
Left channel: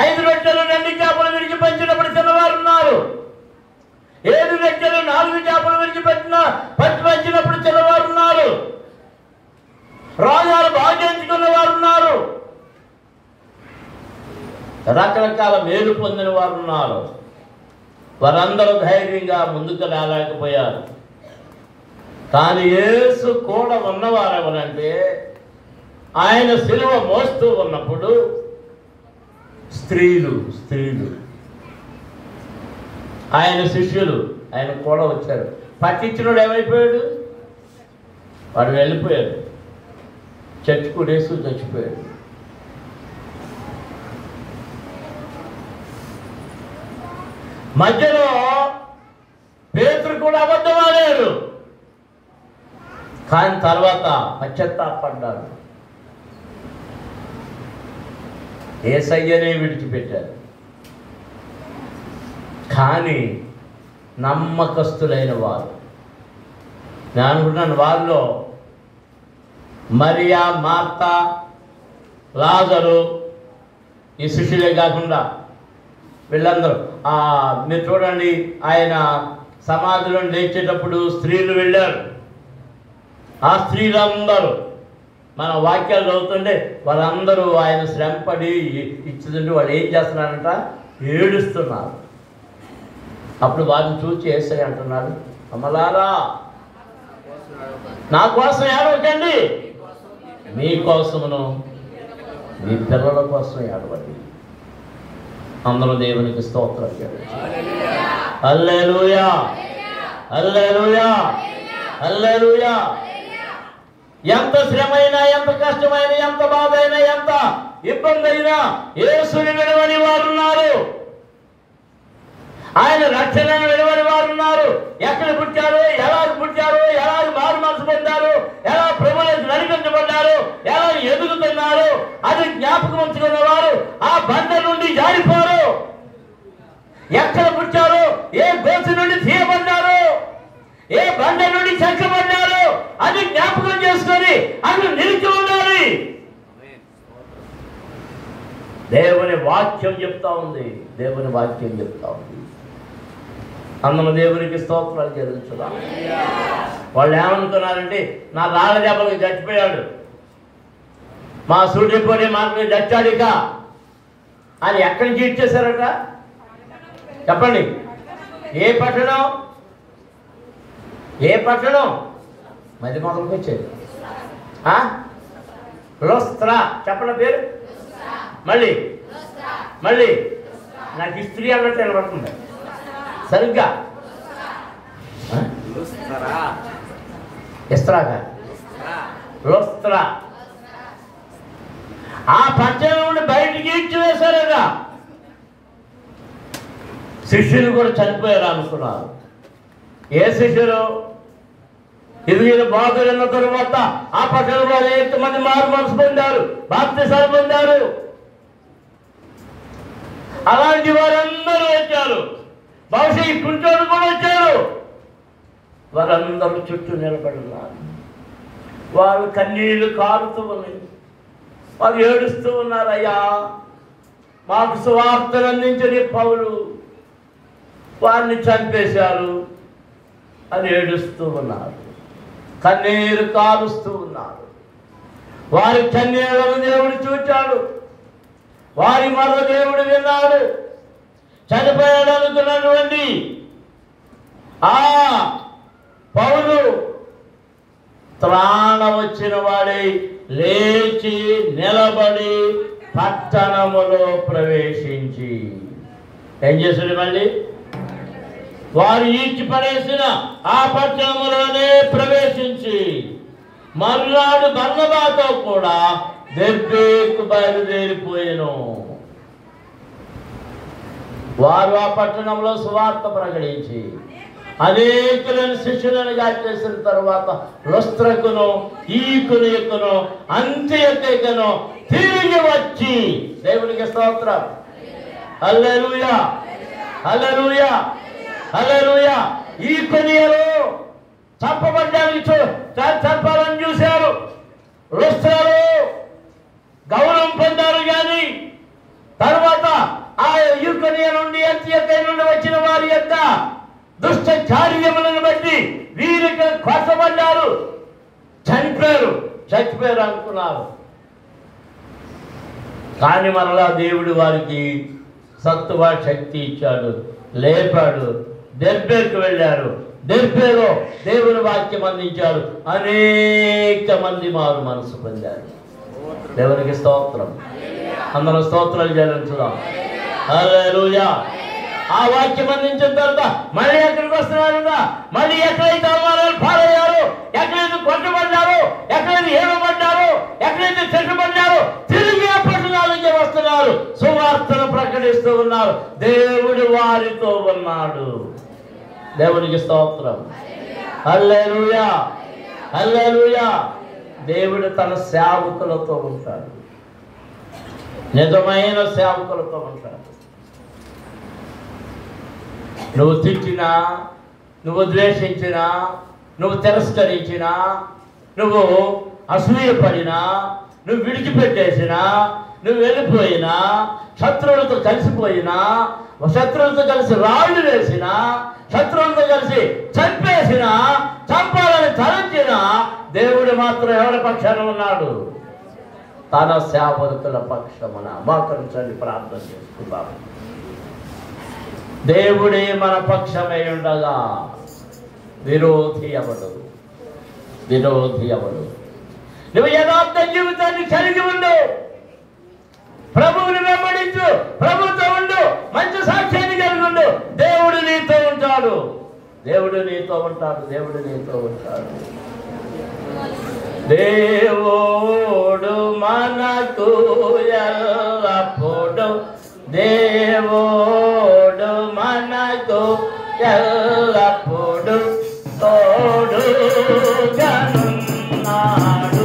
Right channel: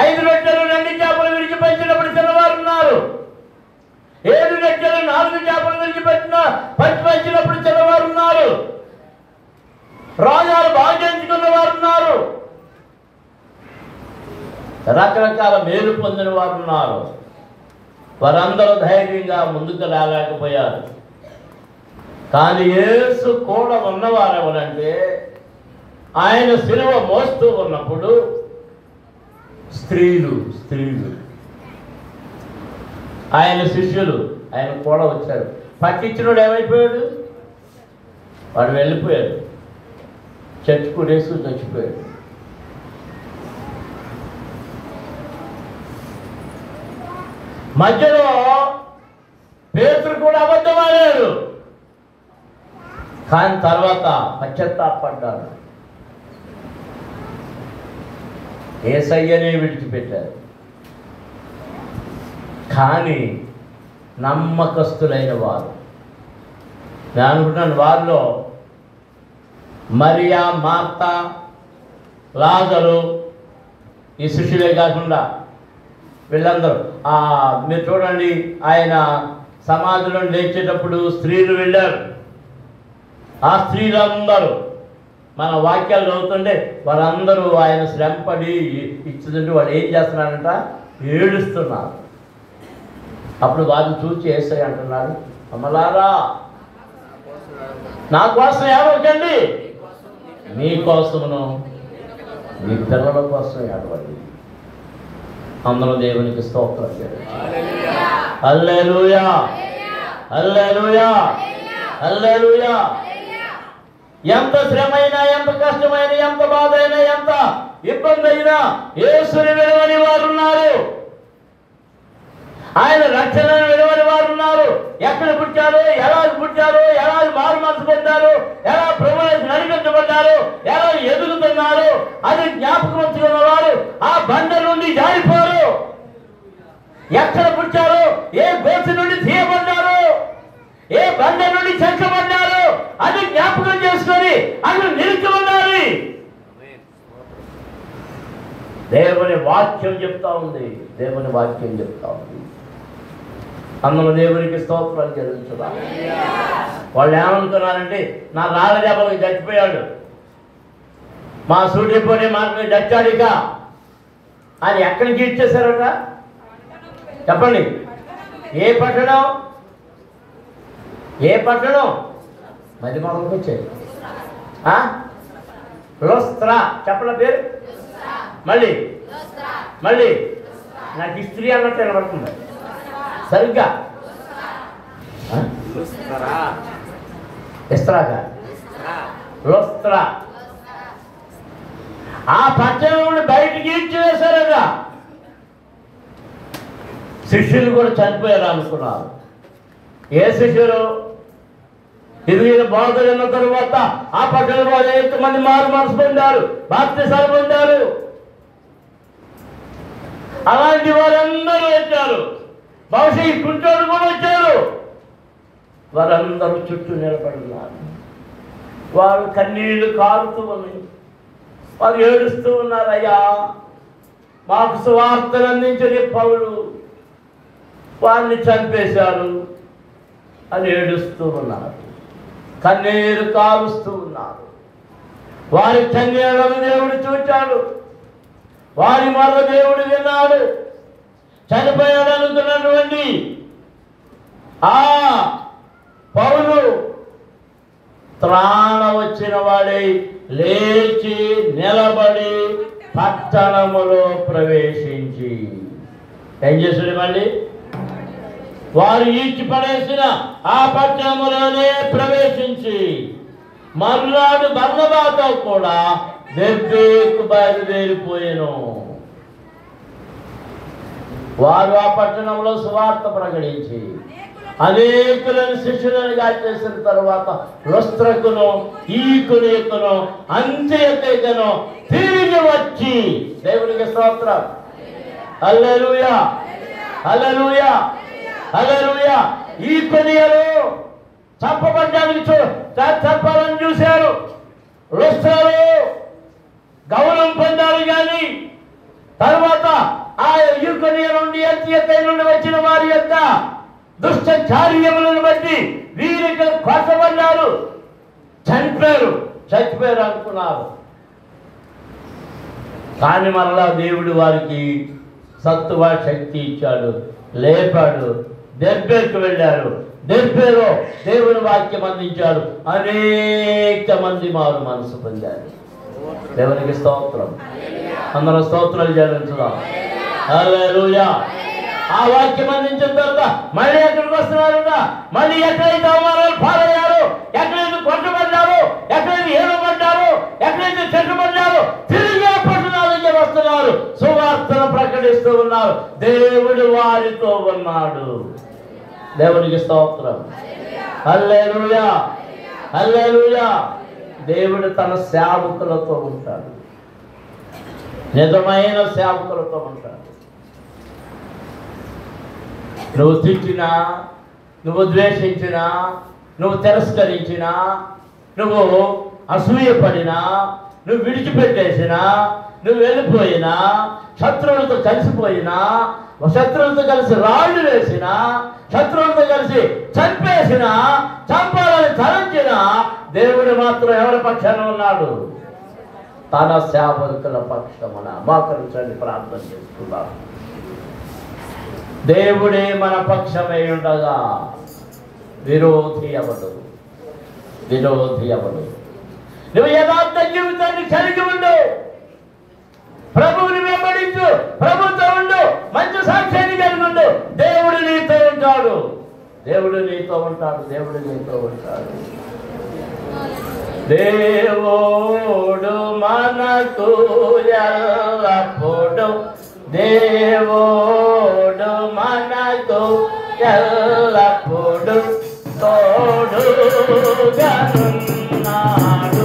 5 రొట్టెలు 2 చేపలు విడిచి పంచినప్పుడు తిన్నవారు ఉన్నారు. 7 రొట్టెలు 4 చేపలు విడిచి పంచినప్పుడు తిన్నవారు ఉన్నారు. రాజాలు భాగ్యించుకున్న వారు ఉన్నారు. రకరకాల మేలు పొందిన వారు ఉన్నారు. వారందరూ ధైర్యంగా ముందుకు రాలేకపోయారు. కానీ యేసు కూడా ఉన్నవారు ఎవరంటే, ఆయన శిలువ మోస్తూ ఉన్నప్పుడు స్త్రీలు ఆయన శిష్యులు ఆయన కూడా వచ్చారు. పట్టించినోడు ఏమైపోయాడు? వాడు వెళ్ళిపోయాడు. చచ్చిపోయేసు చచ్చిపోయాడు. మధ్యలో పేతురు కూడా అబద్ధమాడాడు. కానీ తర్వాత పశ్చాత్తాపడ్డాడు. యేసయ్యనే విడిచిపెట్టారు. కానీ నమ్మకస్తులైన వారు, నేను అనుకుంటున్నాను వారిలో మరియా, మార్తా, లాజరు, ఈ శిష్యులే కాకుండా వీళ్ళందరూ మీరు చూడండి, ఆయన సమాధిలో లేచేటప్పుడు స్త్రీలు వెళ్ళారు. ఆ స్త్రీలందరూ మన వాక్యాలు చదువుతుంటే వాళ్ళందరూ ఆయన శ్రమపడి ఇచ్చిందంటే వాళ్ళు ఏం చేస్తున్నారంట? ఏడుస్తున్నారు. అప్పుడు వారిని చూసి యేసయ్య అంటున్నాడు, అమ్మలారా నా కోసం ఏడవకండి, మీకోసమును మీ పిల్లల కోసం ఏడవండి. అందరూ దేవునికి స్తోత్రం. హల్లెలూయా, హల్లెలూయా. హల్లెలూయా. ఎంత శ్రమ అయినా, ఎంత కష్టమైనా, ఎంత బాధ అయినా, ఎంత ఇబ్బంది అయినా యేసుని విడవని వారు ఉన్నారు. ఆయన రక్షణను విడవని వారు ఉన్నారు. ఎక్కడ పుట్టారు, ఎలా పుట్టారు, ఎలా మారు మనసు పొందారు, ఎలా ప్రభువులకు నడిపించబడ్డారు, ఎలా ఎదుగుతున్నారు అది జ్ఞాపకం ఉంచుకున్న వారు ఆ బండ నుండి జారిపోరు. ఎక్కడ పుట్టారు, ఏ గోసు నుండి తీయబడ్డారు, ఏ బండ నుండి చెక్కబడ్డారు అది జ్ఞాపకం చేసుకొని అక్కడ నిలిచి ఉండాలి. దేవుని వాక్యం చెప్తా ఉంది. దేవుని వాక్యం చెప్తా ఉంది. అందులో దేవునికి స్తోత్రాలు చెల్లించుదాం. వాళ్ళు ఏమనుకున్నారంటే నా రాళ్ళ దెబ్బకి చచ్చిపోయాడు, మా సూటిపోయి మాటలు చచ్చాడిక అని ఎక్కడికి ఇచ్చేశారట చెప్పండి. ఏ పట్టణం, ఏ పట్టణం? మధ్య మొదలుకి వచ్చేది లుస్త్రా. చెప్పండి పేరు. మళ్ళీ మళ్ళీ నాకు ఇస్త్రీ అన్నట్టు నిలబడుతుంది సరిగ్గా. ఇస్త్రాగా లుస్త్రా. ఆ పట్టణం నుండి బయటికి ఇచ్చివేశారుగా. శిష్యులు కూడా చనిపోయారు అనుకున్నారు. ఏ శిష్యులు? ఇదిగిన బాధలున్న తరువాత ఆ పట్టణంలో అనేక మంది మారు మనసు పొందారు, బాప్తిసాలు పొందారు. అలాంటి వారందరూ వచ్చారు. బహుశా ఈ కుంటోడు కూడా వచ్చారు. వారందరూ చుట్టూ నిలబడున్నారు. వారు కన్నీళ్లు కారుతూ ఉన్నాయి. వారు ఏడుస్తూ ఉన్నారు. అయ్యా, మాకు సువార్తను అందించని పౌలు వారిని చంపేశారు అని ఏడుస్తూ ఉన్నారు. కన్నీరు కాలుస్తూ ఉన్నారు. వారి కన్నీళ్లను దేవుడు చూచాడు. వారి మాట దేవుడు విన్నాడు. చనిపోయాడు అనుకున్నటువంటి ఆ పౌలు త్రాణ వచ్చిన వాడై లేచి నిలబడి పట్టణములో ప్రవేశించి ఏం చేశాడు? మళ్ళీ వారు ఈడ్చి పడేసిన ఆ పట్టణంలోనే ప్రవేశించి మర్నాడు బర్నబాతో కూడా దెర్బేకు బయలుదేరిపోయెను. వారు ఆ పట్టణంలో సువార్త ప్రకటించి అనేకులను శిష్యులుగా చేసిన తర్వాత లుస్త్రకును, ఈకొనియును, అంత్యొకయును తిరిగి వచ్చి దేవునికి స్తోత్రం. హల్లెలూయా, హల్లెలూయా, హల్లెలూయా. ఈకొనియులు చంపబడ్డానికి చంపాలని చూశారు. లుస్త్రలో గౌరవం పొందారు. కానీ తర్వాత ఆ ఈకొనియ నుండి, అంత్యొకయ నుండి వచ్చిన వారి యొక్క దుష్ట కార్యములను బట్టి వీరికి కొట్టబడ్డారు, చచ్చిపోయారు అనుకున్నారు. కానీ మరలా దేవుడు వారికి సత్తువ శక్తి ఇచ్చాడు, లేపాడు. దెర్బేకు వెళ్ళారు. దెర్బేలో దేవుని వాక్యం అందించారు. అనేక మంది మారు మనసు పొందారు. దేవునికి స్తోత్రం. అందరూ స్తోత్రాలు చెల్లించుదాం. హల్లెలూయా. ఆ వాక్యం అందించిన తర్వాత మళ్ళీ ఎక్కడికి వస్తున్నారుగా? మళ్ళీ ఎక్కడైతే అవమానాలు పాలయ్యారు, ఎక్కడైతే కొట్టబడ్డారు, ఎక్కడైతే ఏడబడ్డారు, ఎక్కడైతే చెట్టబడ్డారు, తిరిగి ఆ పట్టణాలకి వస్తున్నారు. సువార్తను ప్రకటిస్తూ ఉన్నారు. దేవుడు వారితో ఉన్నాడు. దేవునికి స్తోత్రం. హల్లెలూయా, హల్లెలూయా. దేవుడు తన సేవకులతో ఉంటాడు. నిజమైన సేవకులతో ఉంటాడు. నువ్వు తిట్టినా, నువ్వు ద్వేషించినా, నువ్వు తిరస్కరించినా, నువ్వు అసూయపడినా, నువ్వు విడిచిపెట్టేసినా, నువ్వు వెళ్ళిపోయినా, శత్రువులతో కలిసిపోయినా, శత్రువులతో కలిసి రాళ్ళు వేసినా, శత్రువులతో కలిసి చంపేసినా, చంపాలని తలంచినా, దేవుడు మాత్రం ఎవరి పక్షాన ఉన్నాడు? తన సేవకుల పక్షమున. మోకరించండి, ప్రార్థన చేసుకుందాం. దేవుడే మన పక్షమై ఉండగా విరోధి ఎవడు? విరోధి ఎవడు? నువ్వు యథార్థ జీవితాన్ని కలిగి ఉండు, ప్రభువుని వెంబడించు, ప్రభుతో ఉండు, మంచి సాక్ష్యాన్ని కలిగి ఉండు. దేవుడు నీతో ఉంటాడు. దేవుడు నీతో ఉంటాడు, దేవుడు నీతో ఉంటాడు. దేవుడు మనకు ఎల్లప్పుడు, దేవుడు మనకు ఎల్లప్పుడు తోడుగా ఉన్నాడు,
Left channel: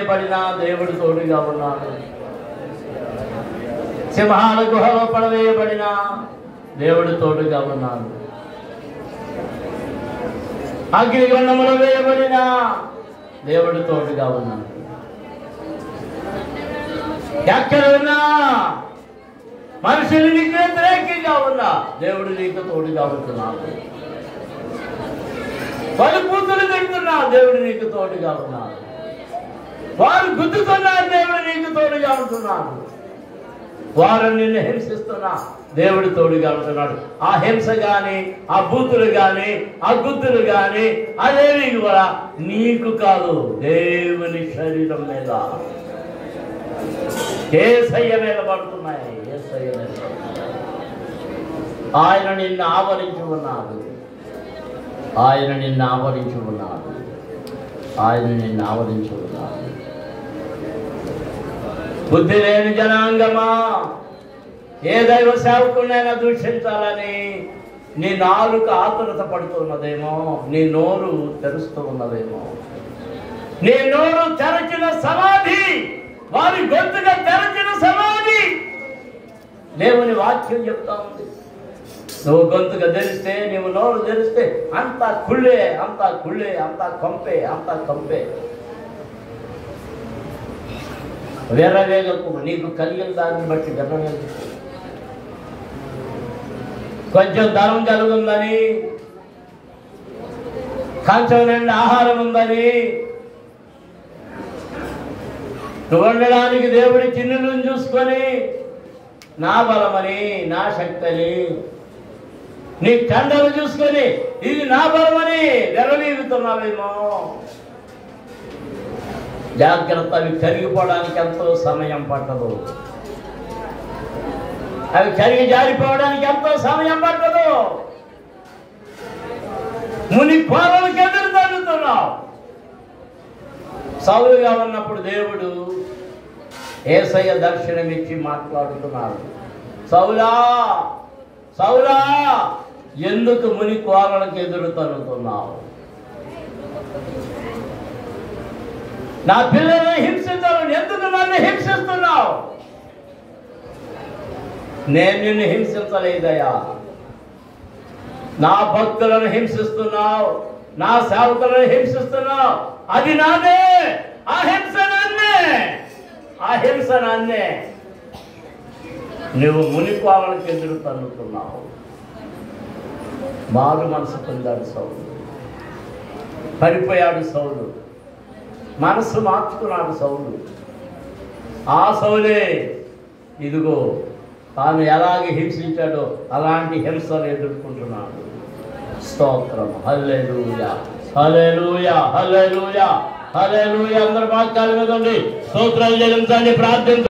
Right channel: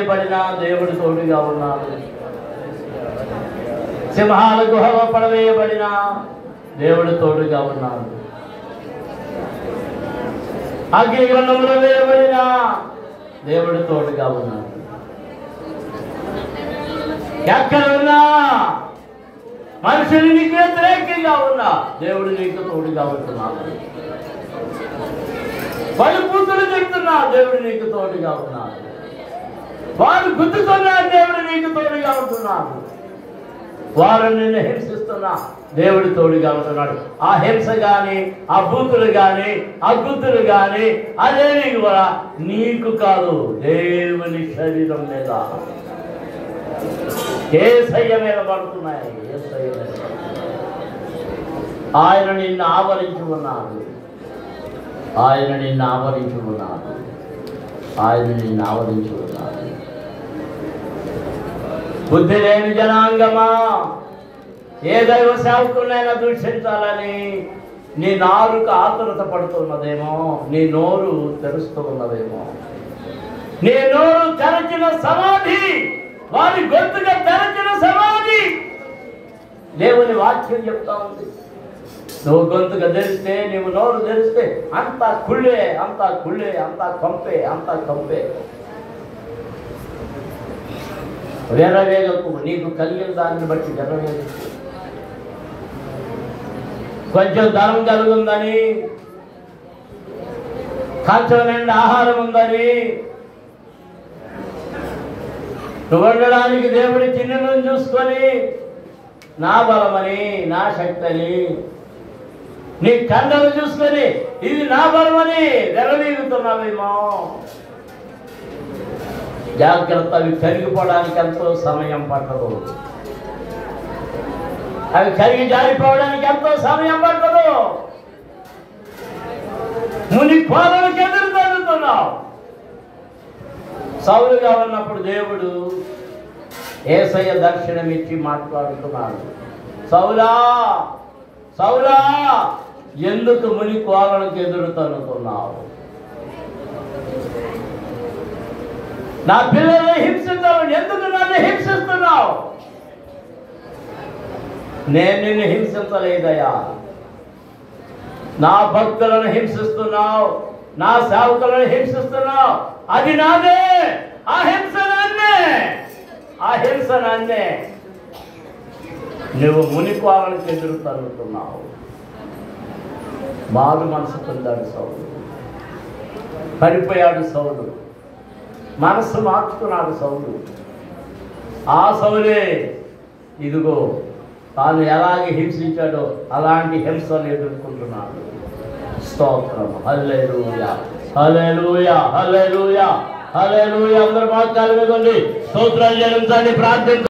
తోడుగా దేవుడు తోడుగా ఉన్నాడు. సింహాల గుహలో పడవేయబడిన దేవుడు తోడుగా ఉన్నాడు. అగ్ని గ్రంథంలో వేయబడిన దేవుడు తోడుగా ఉన్నాడు. ఎక్కడ ఉన్నా మనుషులు నీకు వ్యతిరేకంగా ఉన్నా దేవుడు నీకు తోడుగా ఉంటున్నాడు. వాళ్ళు కూతురు తింటున్నా దేవుడు నీకు తోడుగా ఉన్నాడు. వారు గుద్దుతున్నా దేవుడు నీకు తోడుగా ఉంటున్నాడు. వారు నిన్ను హింసిస్తున్నా దేవుడు తోడుగా ఉంటున్నాడు. ఆ హింస గాని, ఆ బూతులు గాని, ఆ గుద్దులు గాని అదేవి కూడా నీకు కాదు, దేవుని శరీరం మీద, యేసయ్య మీద పడుతున్నాయి. యేసయ్య మీద ఆయన నిన్ను ఆవరించి ఉన్నాడు. ఆయన నిన్ను ఆవరించి ఉన్నాడు. ఆయన నిన్ను ఆవరించి ఉన్నాడు. బుద్ధి లేని జనాంగమా, ఏ దైవ సేవకునైనా దూషించాలని నీ నాలుక ఆతురత పడుతున్నదేమో, నీ నోరు తెరుస్తూ ఉన్నదేమో. నీ నోరు తెరచిన సమాధి, వారి గొంతుగా తెరచిన సమాధి. దేవుని వాక్యం చెప్తా ఉంది. నువ్వు గొంతుగా తెరిస్తే, నీవు నోరు తెరిస్తే అంతా కుళ్ళే, అంతా కుళ్ళే, అంతా కంపే, అంతా కంపే. వెర్రవేగకు, నీకు కలిగిన దాన్ని బట్టి వెర్రవేగకు. కొంచెం ధనం కలుగుందని, కంచం నిండా ఆహారం ఉందని, నువ్వు వండడానికి దేవుడి చిన్నులను చూసుకొని నా బలమని, నా శక్తిని, నీ కండలు చూసుకొని ఇది నా బలమని వెరవీగుతున్నావేమో. జాగ్రత్త, అవి కరిగిపోవడానికి ఎంతో సమయం పట్టదు. అవి కరిగి జారిపోవడానికి ఎంతో సమయం పట్టదు. మునిపోవడానికి ఎదురు తగ్గుతున్నావు. సౌలుగా ఉన్నప్పుడు దేవుడు యేసయ్య దర్శనమిచ్చి మాట్లాడుతున్నాడు. సౌలా సౌలా, ఎందుకు మునిపోవడానికి ఎదురు తగ్గుతున్నావు? నా పిల్లల్ని హింసించాలని ఎందుకు నన్ను హింసిస్తున్నావు? నేను నిన్ను హింసించలేదయ్యా. నా భక్తులను హింసిస్తున్నావు, నా సేవకులను హింసిస్తున్నావు. అది నాదే. ఆ హింస నాన్నే. నువ్వు మునిపోవాలని ఎదురు తన్నుతున్నావు. మారు మనసు పొందాడు సౌలు. పడిపోయాడు సౌలు. మనసు మార్చుకున్నాడు సౌలు. ఆ సౌలే ఇదిగో తాను ఎలాగే హింసించాడో అలాంటి హింసను ఎదుర్కొంటున్నాడు. స్తోత్రం. హల్లెలూయా, హల్లెలూయా, హల్లెలూయా, హల్లెలూయా. అందరూ మాట్లాడకండి. స్తోత్రాలు చెల్లించండి, ప్రార్థన